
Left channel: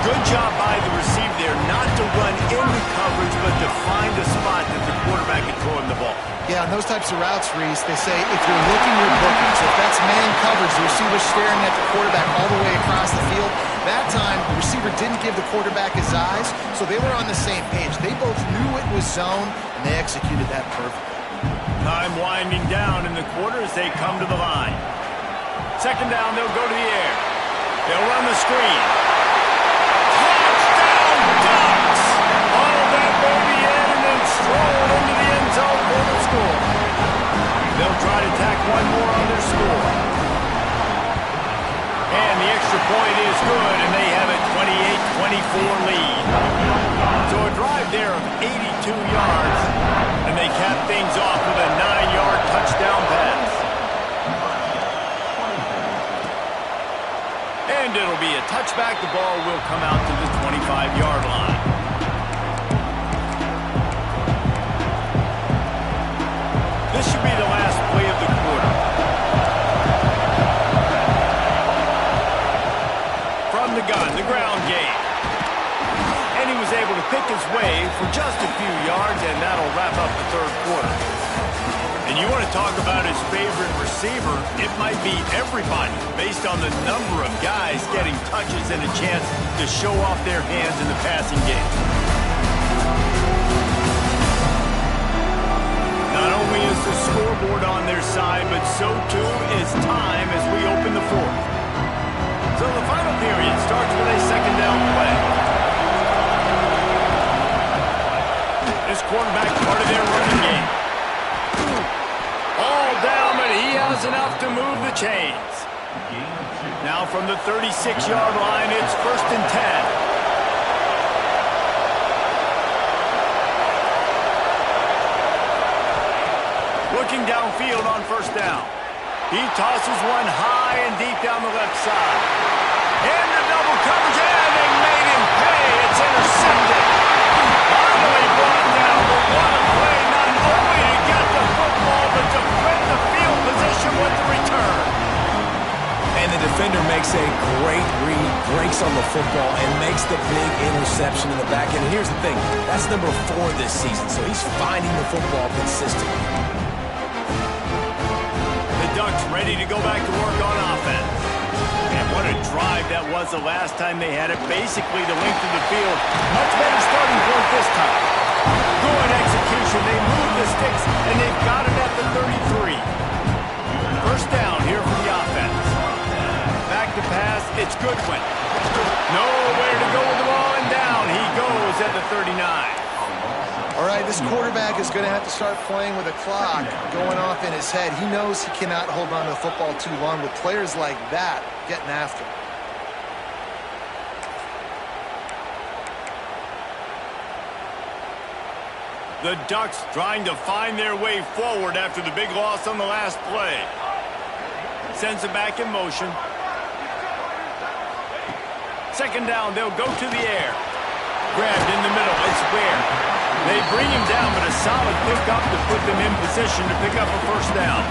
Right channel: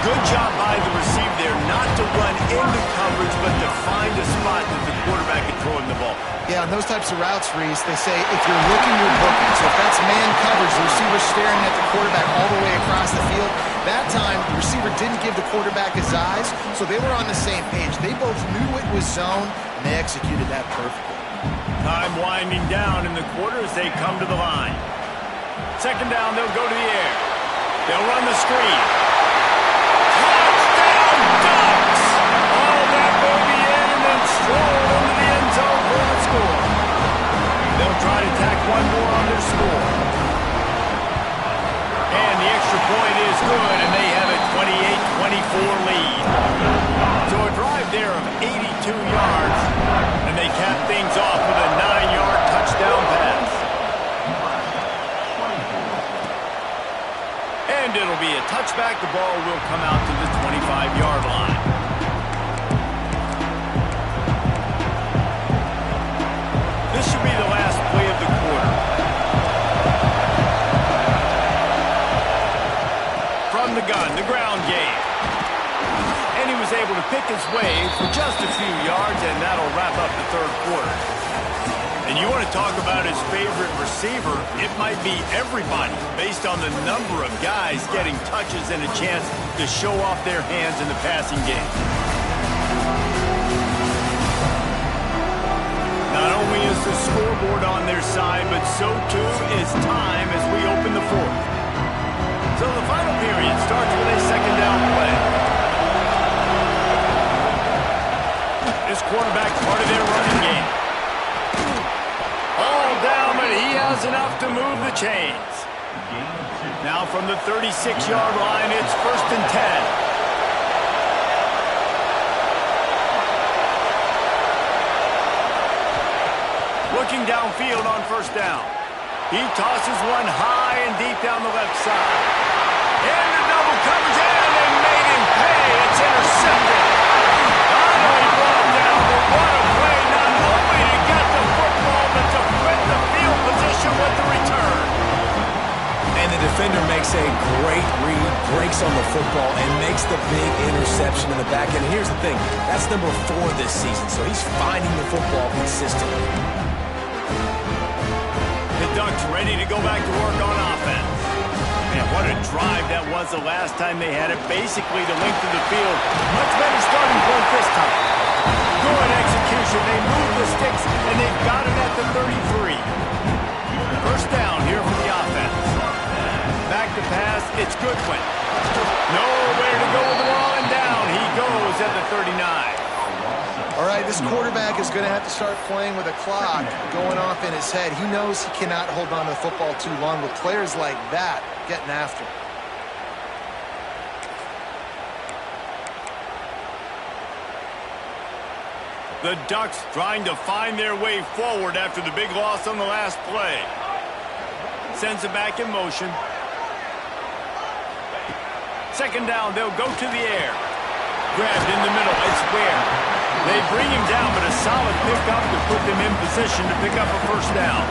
Good job by the receiver there not to run into coverage, but to find a spot that the quarterback can throw him the ball. Yeah, on those types of routes, Reese, they say if you're looking, you're booking. So if that's man coverage, the receiver's staring at the quarterback all the way across the field. That time, the receiver didn't give the quarterback his eyes, so they were on the same page. They both knew it was zone, and they executed that perfectly. Time winding down in the quarter as they come to the line. Second down, they'll go to the air. They'll run the screen. Touchdown, Ducks! All that baby in and then stroll into the end zone for the score. They'll try to tack one more on their score. And the extra point is good, and they have a 28-24 lead. So a drive there of 82 yards, and they cap things off with a 9-yard touchdown pass. And it'll be a touchback. The ball will come out to the 25-yard line. This should be the last play of the quarter. From the gun, the ground game. And he was able to pick his way for just a few yards, and that'll wrap up the third quarter. And you want to talk about his favorite receiver, it might be everybody, based on the number of guys getting touches and a chance to show off their hands in the passing game. Not only is the scoreboard on their side, but so too is time as we open the fourth. So the final period starts with a second down play. This quarterback part of their running game. All down, but he has enough to move the chains. Now from the 36-yard line, it's 1st and 10. Looking downfield on first down. He tosses one high and deep down the left side. Into double coverage, and they made him pay. It's intercepted. Finally brought down, but what a play, not only to get the football, but to print the field position with the return. And the defender makes a great read, breaks on the football, and makes the big interception in the back end. Here's the thing, that's number 4 this season, so he's finding the football consistently. The Ducks ready to go back to work on offense. Man, what a drive that was the last time they had it. Basically the length of the field. Much better starting point this time. Good execution. They move the sticks, and they've got it at the 33. First down here for the offense. Back to pass. It's Goodwin. Nowhere to go with the ball, and down he goes at the 39. All right, this quarterback is going to have to start playing with a clock going off in his head. He knows he cannot hold on to the football too long with players like that getting after him. The Ducks trying to find their way forward after the big loss on the last play. Sends it back in motion. Second down, they'll go to the air. Grabbed in the middle, it's Ware. They bring him down, but a solid pickup to put them in position to pick up a first down.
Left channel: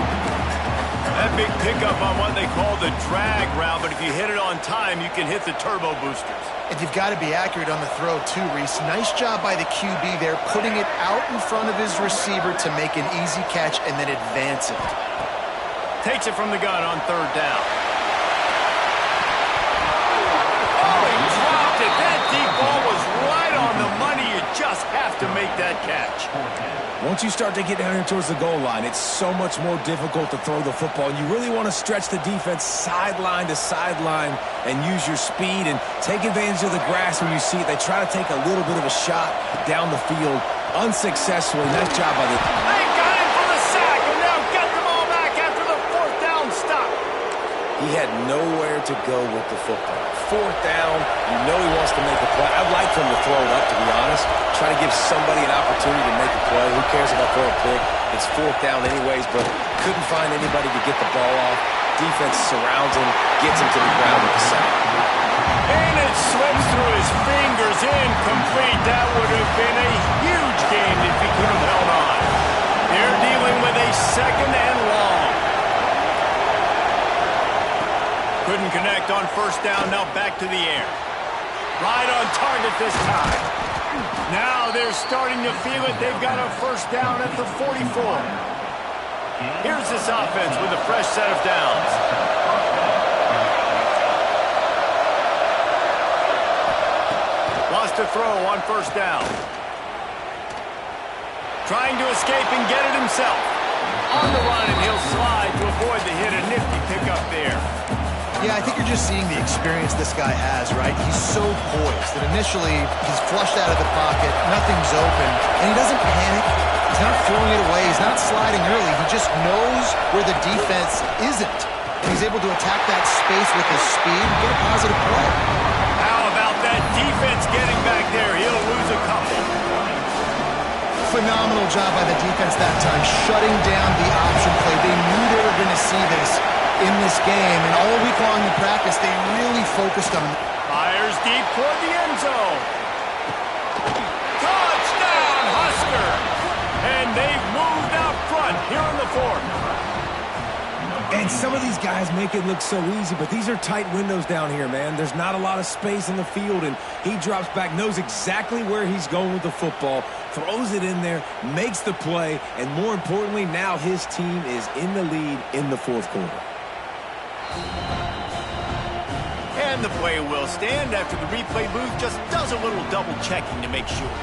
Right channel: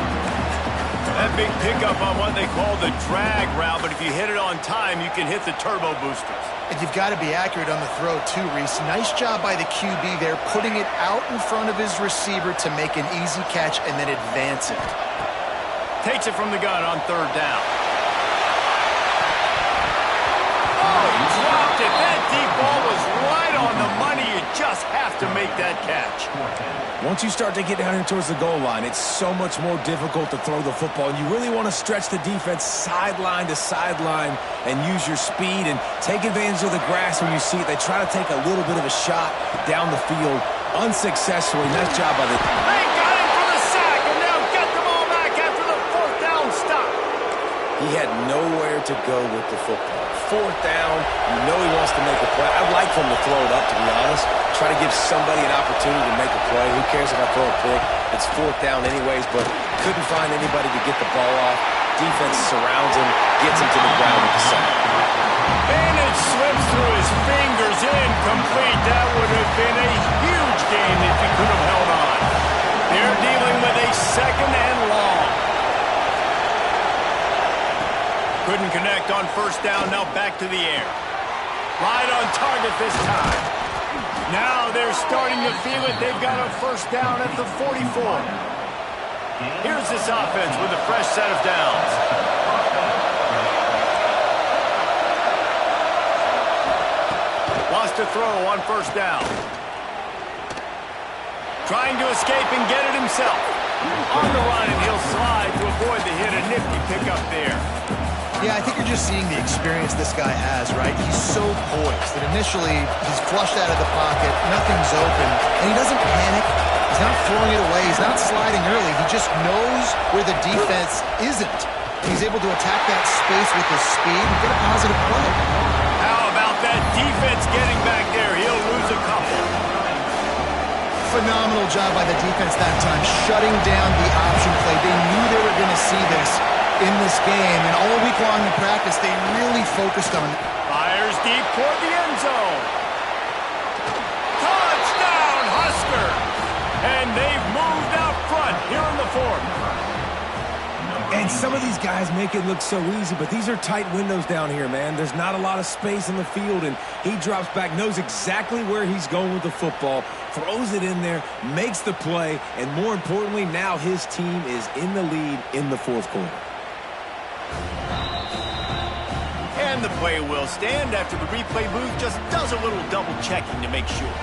That big pickup on what they call the drag route, but if you hit it on time, you can hit the turbo boosters. And you've got to be accurate on the throw too, Reese. Nice job by the QB there, putting it out in front of his receiver to make an easy catch and then advance it. Takes it from the gun on third down. Oh, he dropped it. That deep ball was right on the money. You just have to make that catch. Once you start to get down here towards the goal line, it's so much more difficult to throw the football. And you really want to stretch the defense sideline to sideline and use your speed and take advantage of the grass when you see it. They try to take a little bit of a shot down the field unsuccessfully. Nice job by the... They got him for the sack and now get the ball back after the 4th down stop. He had nowhere to go with the football. 4th down, you know he wants to make a play. I'd like for him to throw it up, to be honest. Try to give somebody an opportunity to make a play. Who cares if I throw a pick? It's 4th down anyways, but couldn't find anybody to get the ball off. Defense surrounds him, gets him to the ground with the sack. And it slips through his fingers, incomplete. That would have been a huge gain if he could have held on. They're dealing with a 2nd and long. Couldn't connect on 1st down, now back to the air. Right on target this time. Now they're starting to feel it. They've got a 1st down at the 44. Here's this offense with a fresh set of downs. Lost a throw on 1st down. Trying to escape and get it himself. On the run, and he'll slide to avoid the hit. A nifty pickup there. Yeah, I think you're just seeing the experience this guy has, right? He's so poised that initially he's flushed out of the pocket, nothing's open, and he doesn't panic. He's not throwing it away. He's not sliding early. He just knows where the defense isn't. And he's able to attack that space with his speed and get a positive play. How about that defense getting back there? He'll lose a couple. Phenomenal job by the defense that time, shutting down the option play. They knew they were going to see this in this game, and all week long in practice, they really focused on it. Fires deep toward the end zone. Touchdown, Husker! And they've moved out front here in the 4th. And some of these guys make it look so easy, but these are tight windows down here, man. There's not a lot of space on the field, and he drops back, knows exactly where he's going with the football, throws it in there, makes the play, and more importantly, now his team is in the lead in the 4th quarter. And the play will stand after the replay booth just does a little double checking to make sure.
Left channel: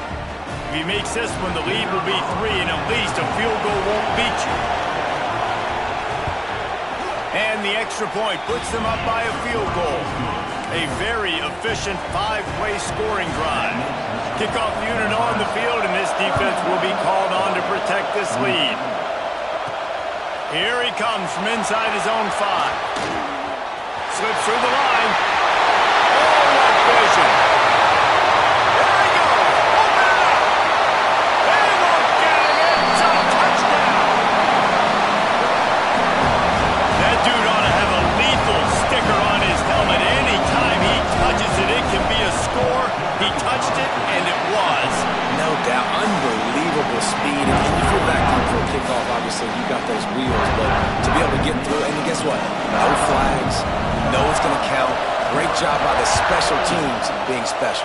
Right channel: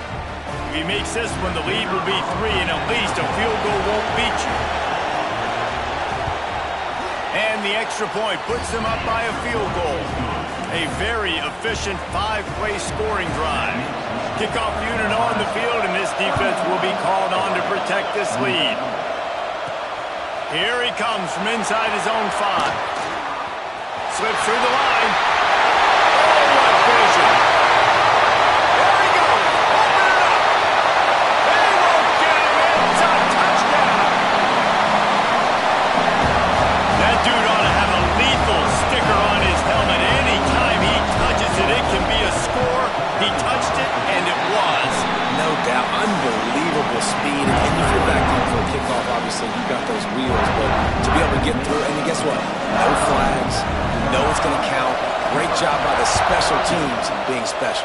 If he makes this one, the lead will be 3, and at least a field goal won't beat you. And the extra point puts them up by a field goal. A very efficient 5-play scoring drive. Kickoff unit on the field, and this defense will be called on to protect this lead. Here he comes from inside his own 5. Slips through the line. Oh, what vision. There he goes. Open it up. They won't get him. It's a touchdown. That dude ought to have a lethal sticker on his helmet. Anytime he touches it, it can be a score. He touched it, and it was. No doubt. Unbelievable speed. And if you're back deep for a kickoff, obviously, you got those wheels. But to be able to get through, and guess what? No flags. You know it's going to count. Great job by the special teams being special.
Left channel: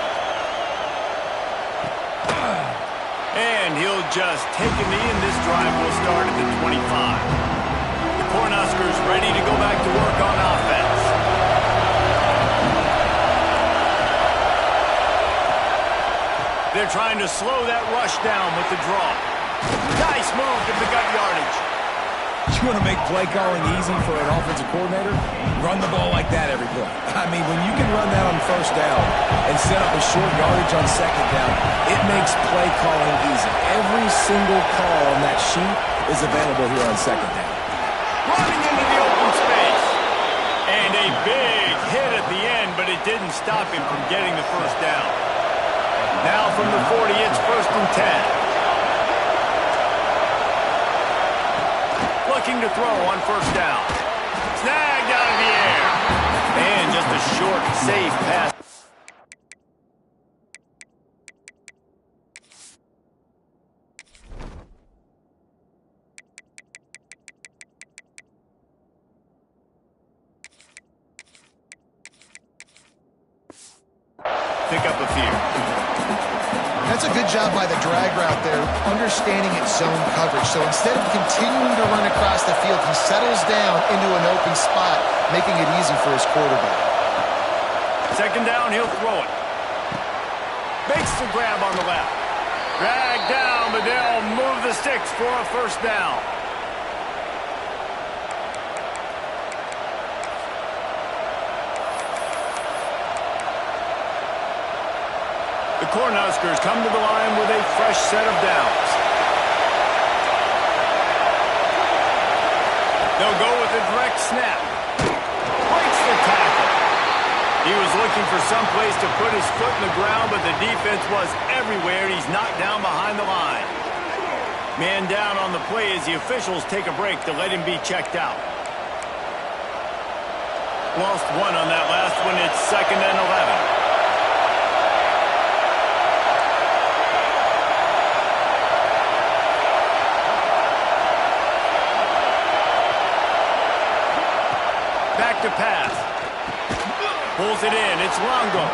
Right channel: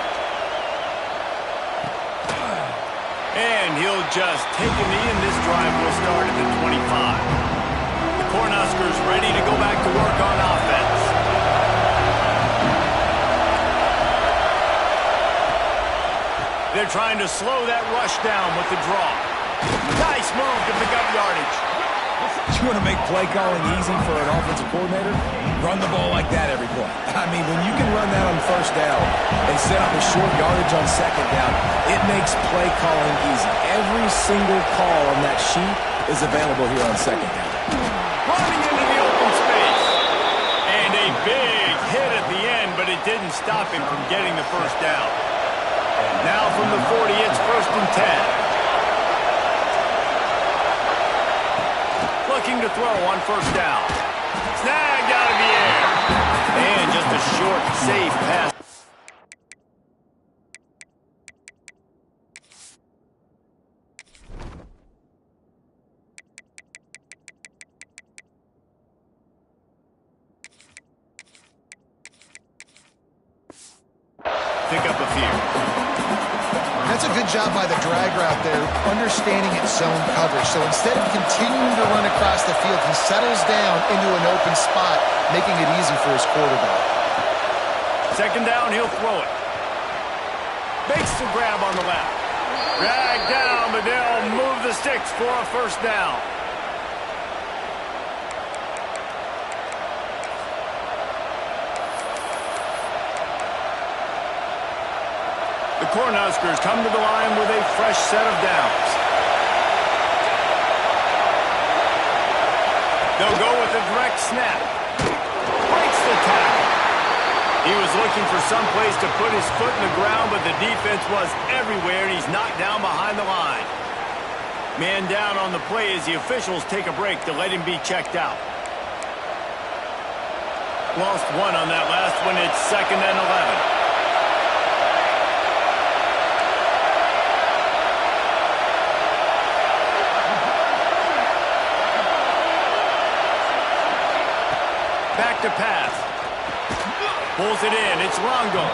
And he'll just take a knee, and this drive will start at the 25. The Cornhuskers ready to go back to work on offense. They're trying to slow that rush down with the draw. Nice move to pick up yardage. You want to make play calling easy for an offensive coordinator? Run the ball like that every play. I mean, when you can run that on 1st down and set up a short yardage on 2nd down, it makes play calling easy. Every single call on that sheet is available here on 2nd down. Running into the open space. And a big hit at the end, but it didn't stop him from getting the 1st down. Now from the 40, it's 1st and 10. Looking to throw on 1st down. Snagged out of the air. And just a short, safe pass. Pick up a few. That's a good job by the drag route there, understanding its zone coverage. So instead of continuing to run across the field, he settles down into an open spot, making it easy for his quarterback. 2nd down, he'll throw it. Makes the grab on the left. Dragged down, but they'll move the sticks for a first down. The Cornhuskers come to the line with a fresh set of downs. They'll go with a direct snap. Breaks the tackle. He was looking for some place to put his foot in the ground, but the defense was everywhere, and he's knocked down behind the line. Man down on the play as the officials take a break to let him be checked out. Lost one on that last one. It's 2nd and 11. Back to pass. Pulls it in. It's Longo.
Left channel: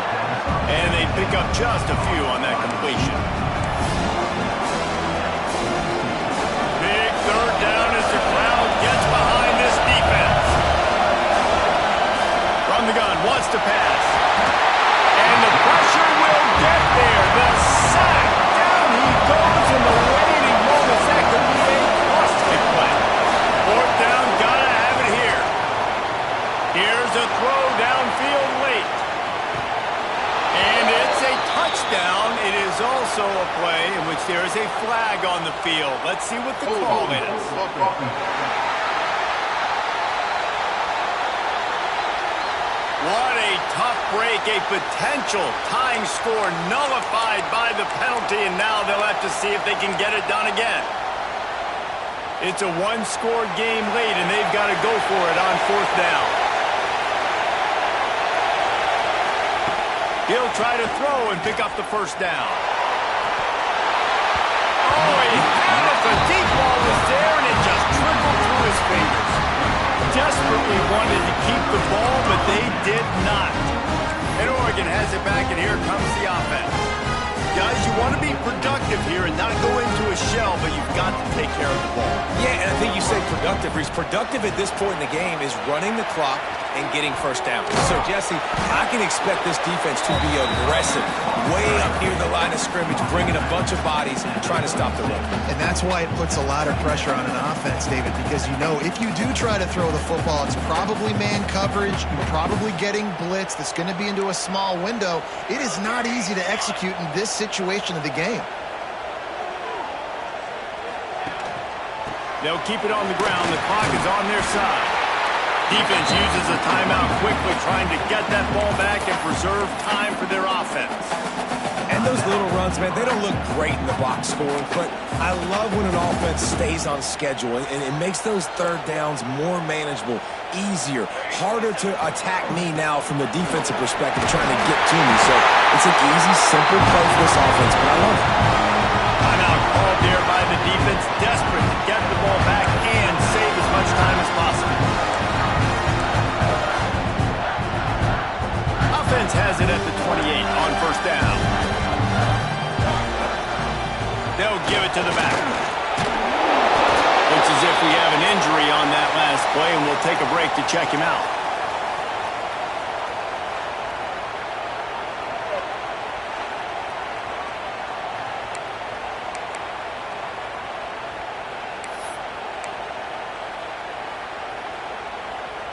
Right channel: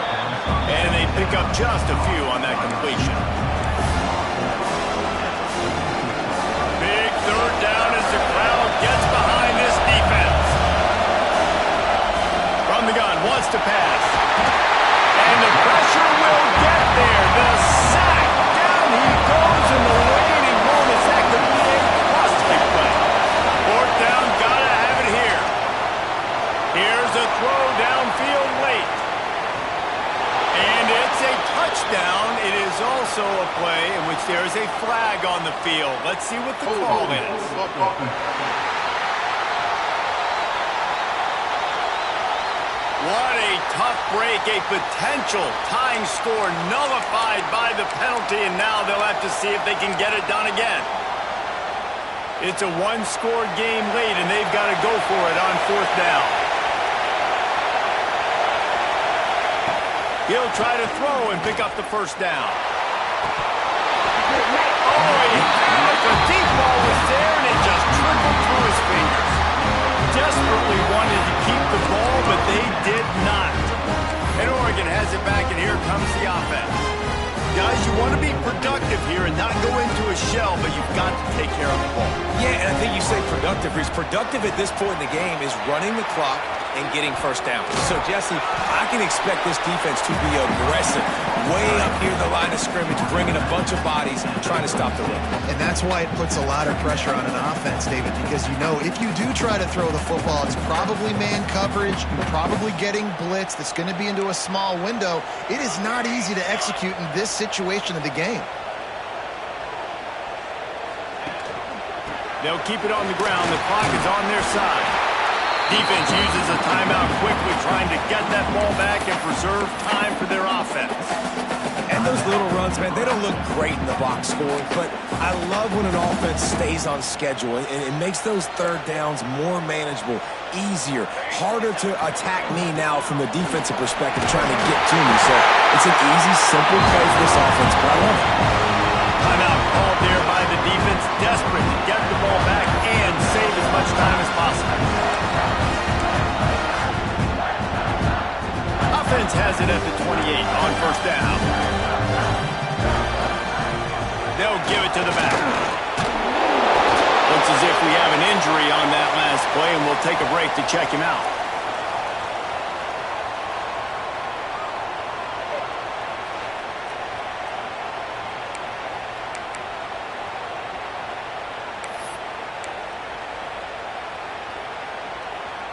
And they pick up just a few on that completion. Big third down as the crowd gets behind this defense. From the gun, wants to pass. And the pressure will get there. The sack. Down he goes in the waiting moments. That could be a costly play. 4th down, gotta have it here. Here's a throw downfield late. And it's a touchdown. It is also a play in which there is a flag on the field. Let's see what the call is. What a tough break. A potential tying score nullified by the penalty, and now they'll have to see if they can get it done again. It's a one-score game late, and they've got to go for it on 4th down. He'll try to throw and pick up the first down. Oh, he had it. The deep ball was there, and it just trickled through his fingers. Desperately wanted to keep the ball, but they did not. And Oregon has it back, and here comes the offense. Guys, you want to be productive here and not go into a shell, but you've got to take care of the ball. Yeah, and I think you say productive. He's productive at this point in the game is running the clock and getting first down. So, Jesse, I can expect this defense to be aggressive, way up near the line of scrimmage, bringing a bunch of bodies, trying to stop the run. And that's why it puts a lot of pressure on an offense, David, because you know if you do try to throw the football, it's probably man coverage, you're probably getting blitz that's going to be into a small window. It is not easy to execute in this situation of the game. They'll keep it on the ground. The clock is on their side. Defense uses a timeout quickly, trying to get that ball back and preserve time for their offense. And those little runs, man, they don't look great in the box score, but I love when an offense stays on schedule, and it makes those third downs more manageable, easier, harder to attack me now from the defensive perspective, trying to get to me. So it's an easy, simple play for this offense, but I love it. Timeout called there by the defense, desperate to get the ball back and save as much time as possible. Offense has it at the 28 on 1st down. They'll give it to the back. Looks as if we have an injury on that last play, and we'll take a break to check him out.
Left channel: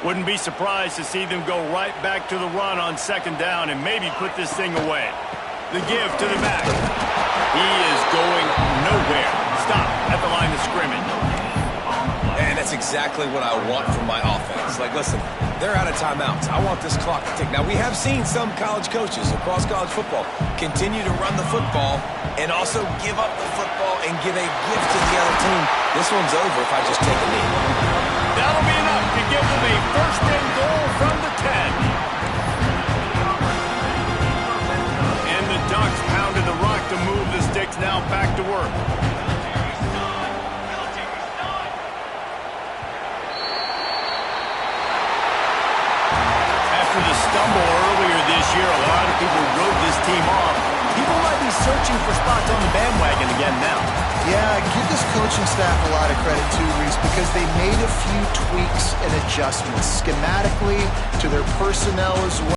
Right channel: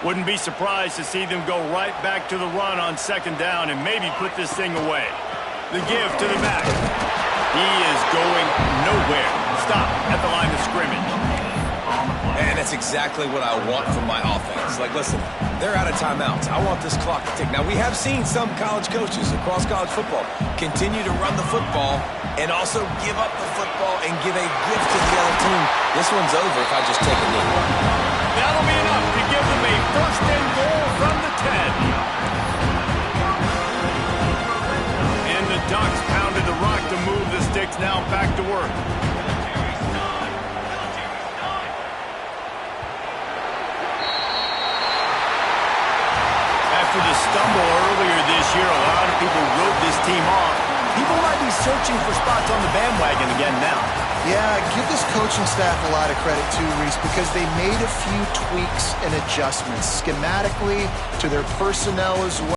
Wouldn't be surprised to see them go right back to the run on 2nd down and maybe put this thing away. The give to the back. He is going nowhere. Stop at the line of scrimmage. And that's exactly what I want from my offense. Like, listen, they're out of timeouts. I want this clock to tick. Now, we have seen some college coaches across college football continue to run the football and also give up the football and give a gift to the other team. This one's over if I just take a knee. That'll be enough to give them a 1st and goal from the 10. And the Ducks pounded the rock to move the sticks, now back to work. After the stumble earlier this year, a lot of people wrote this team off. People might be searching for spots on the bandwagon again now. Yeah, give this coaching staff a lot of credit too, Reese, because they made a few tweaks and adjustments schematically to their personnel as well.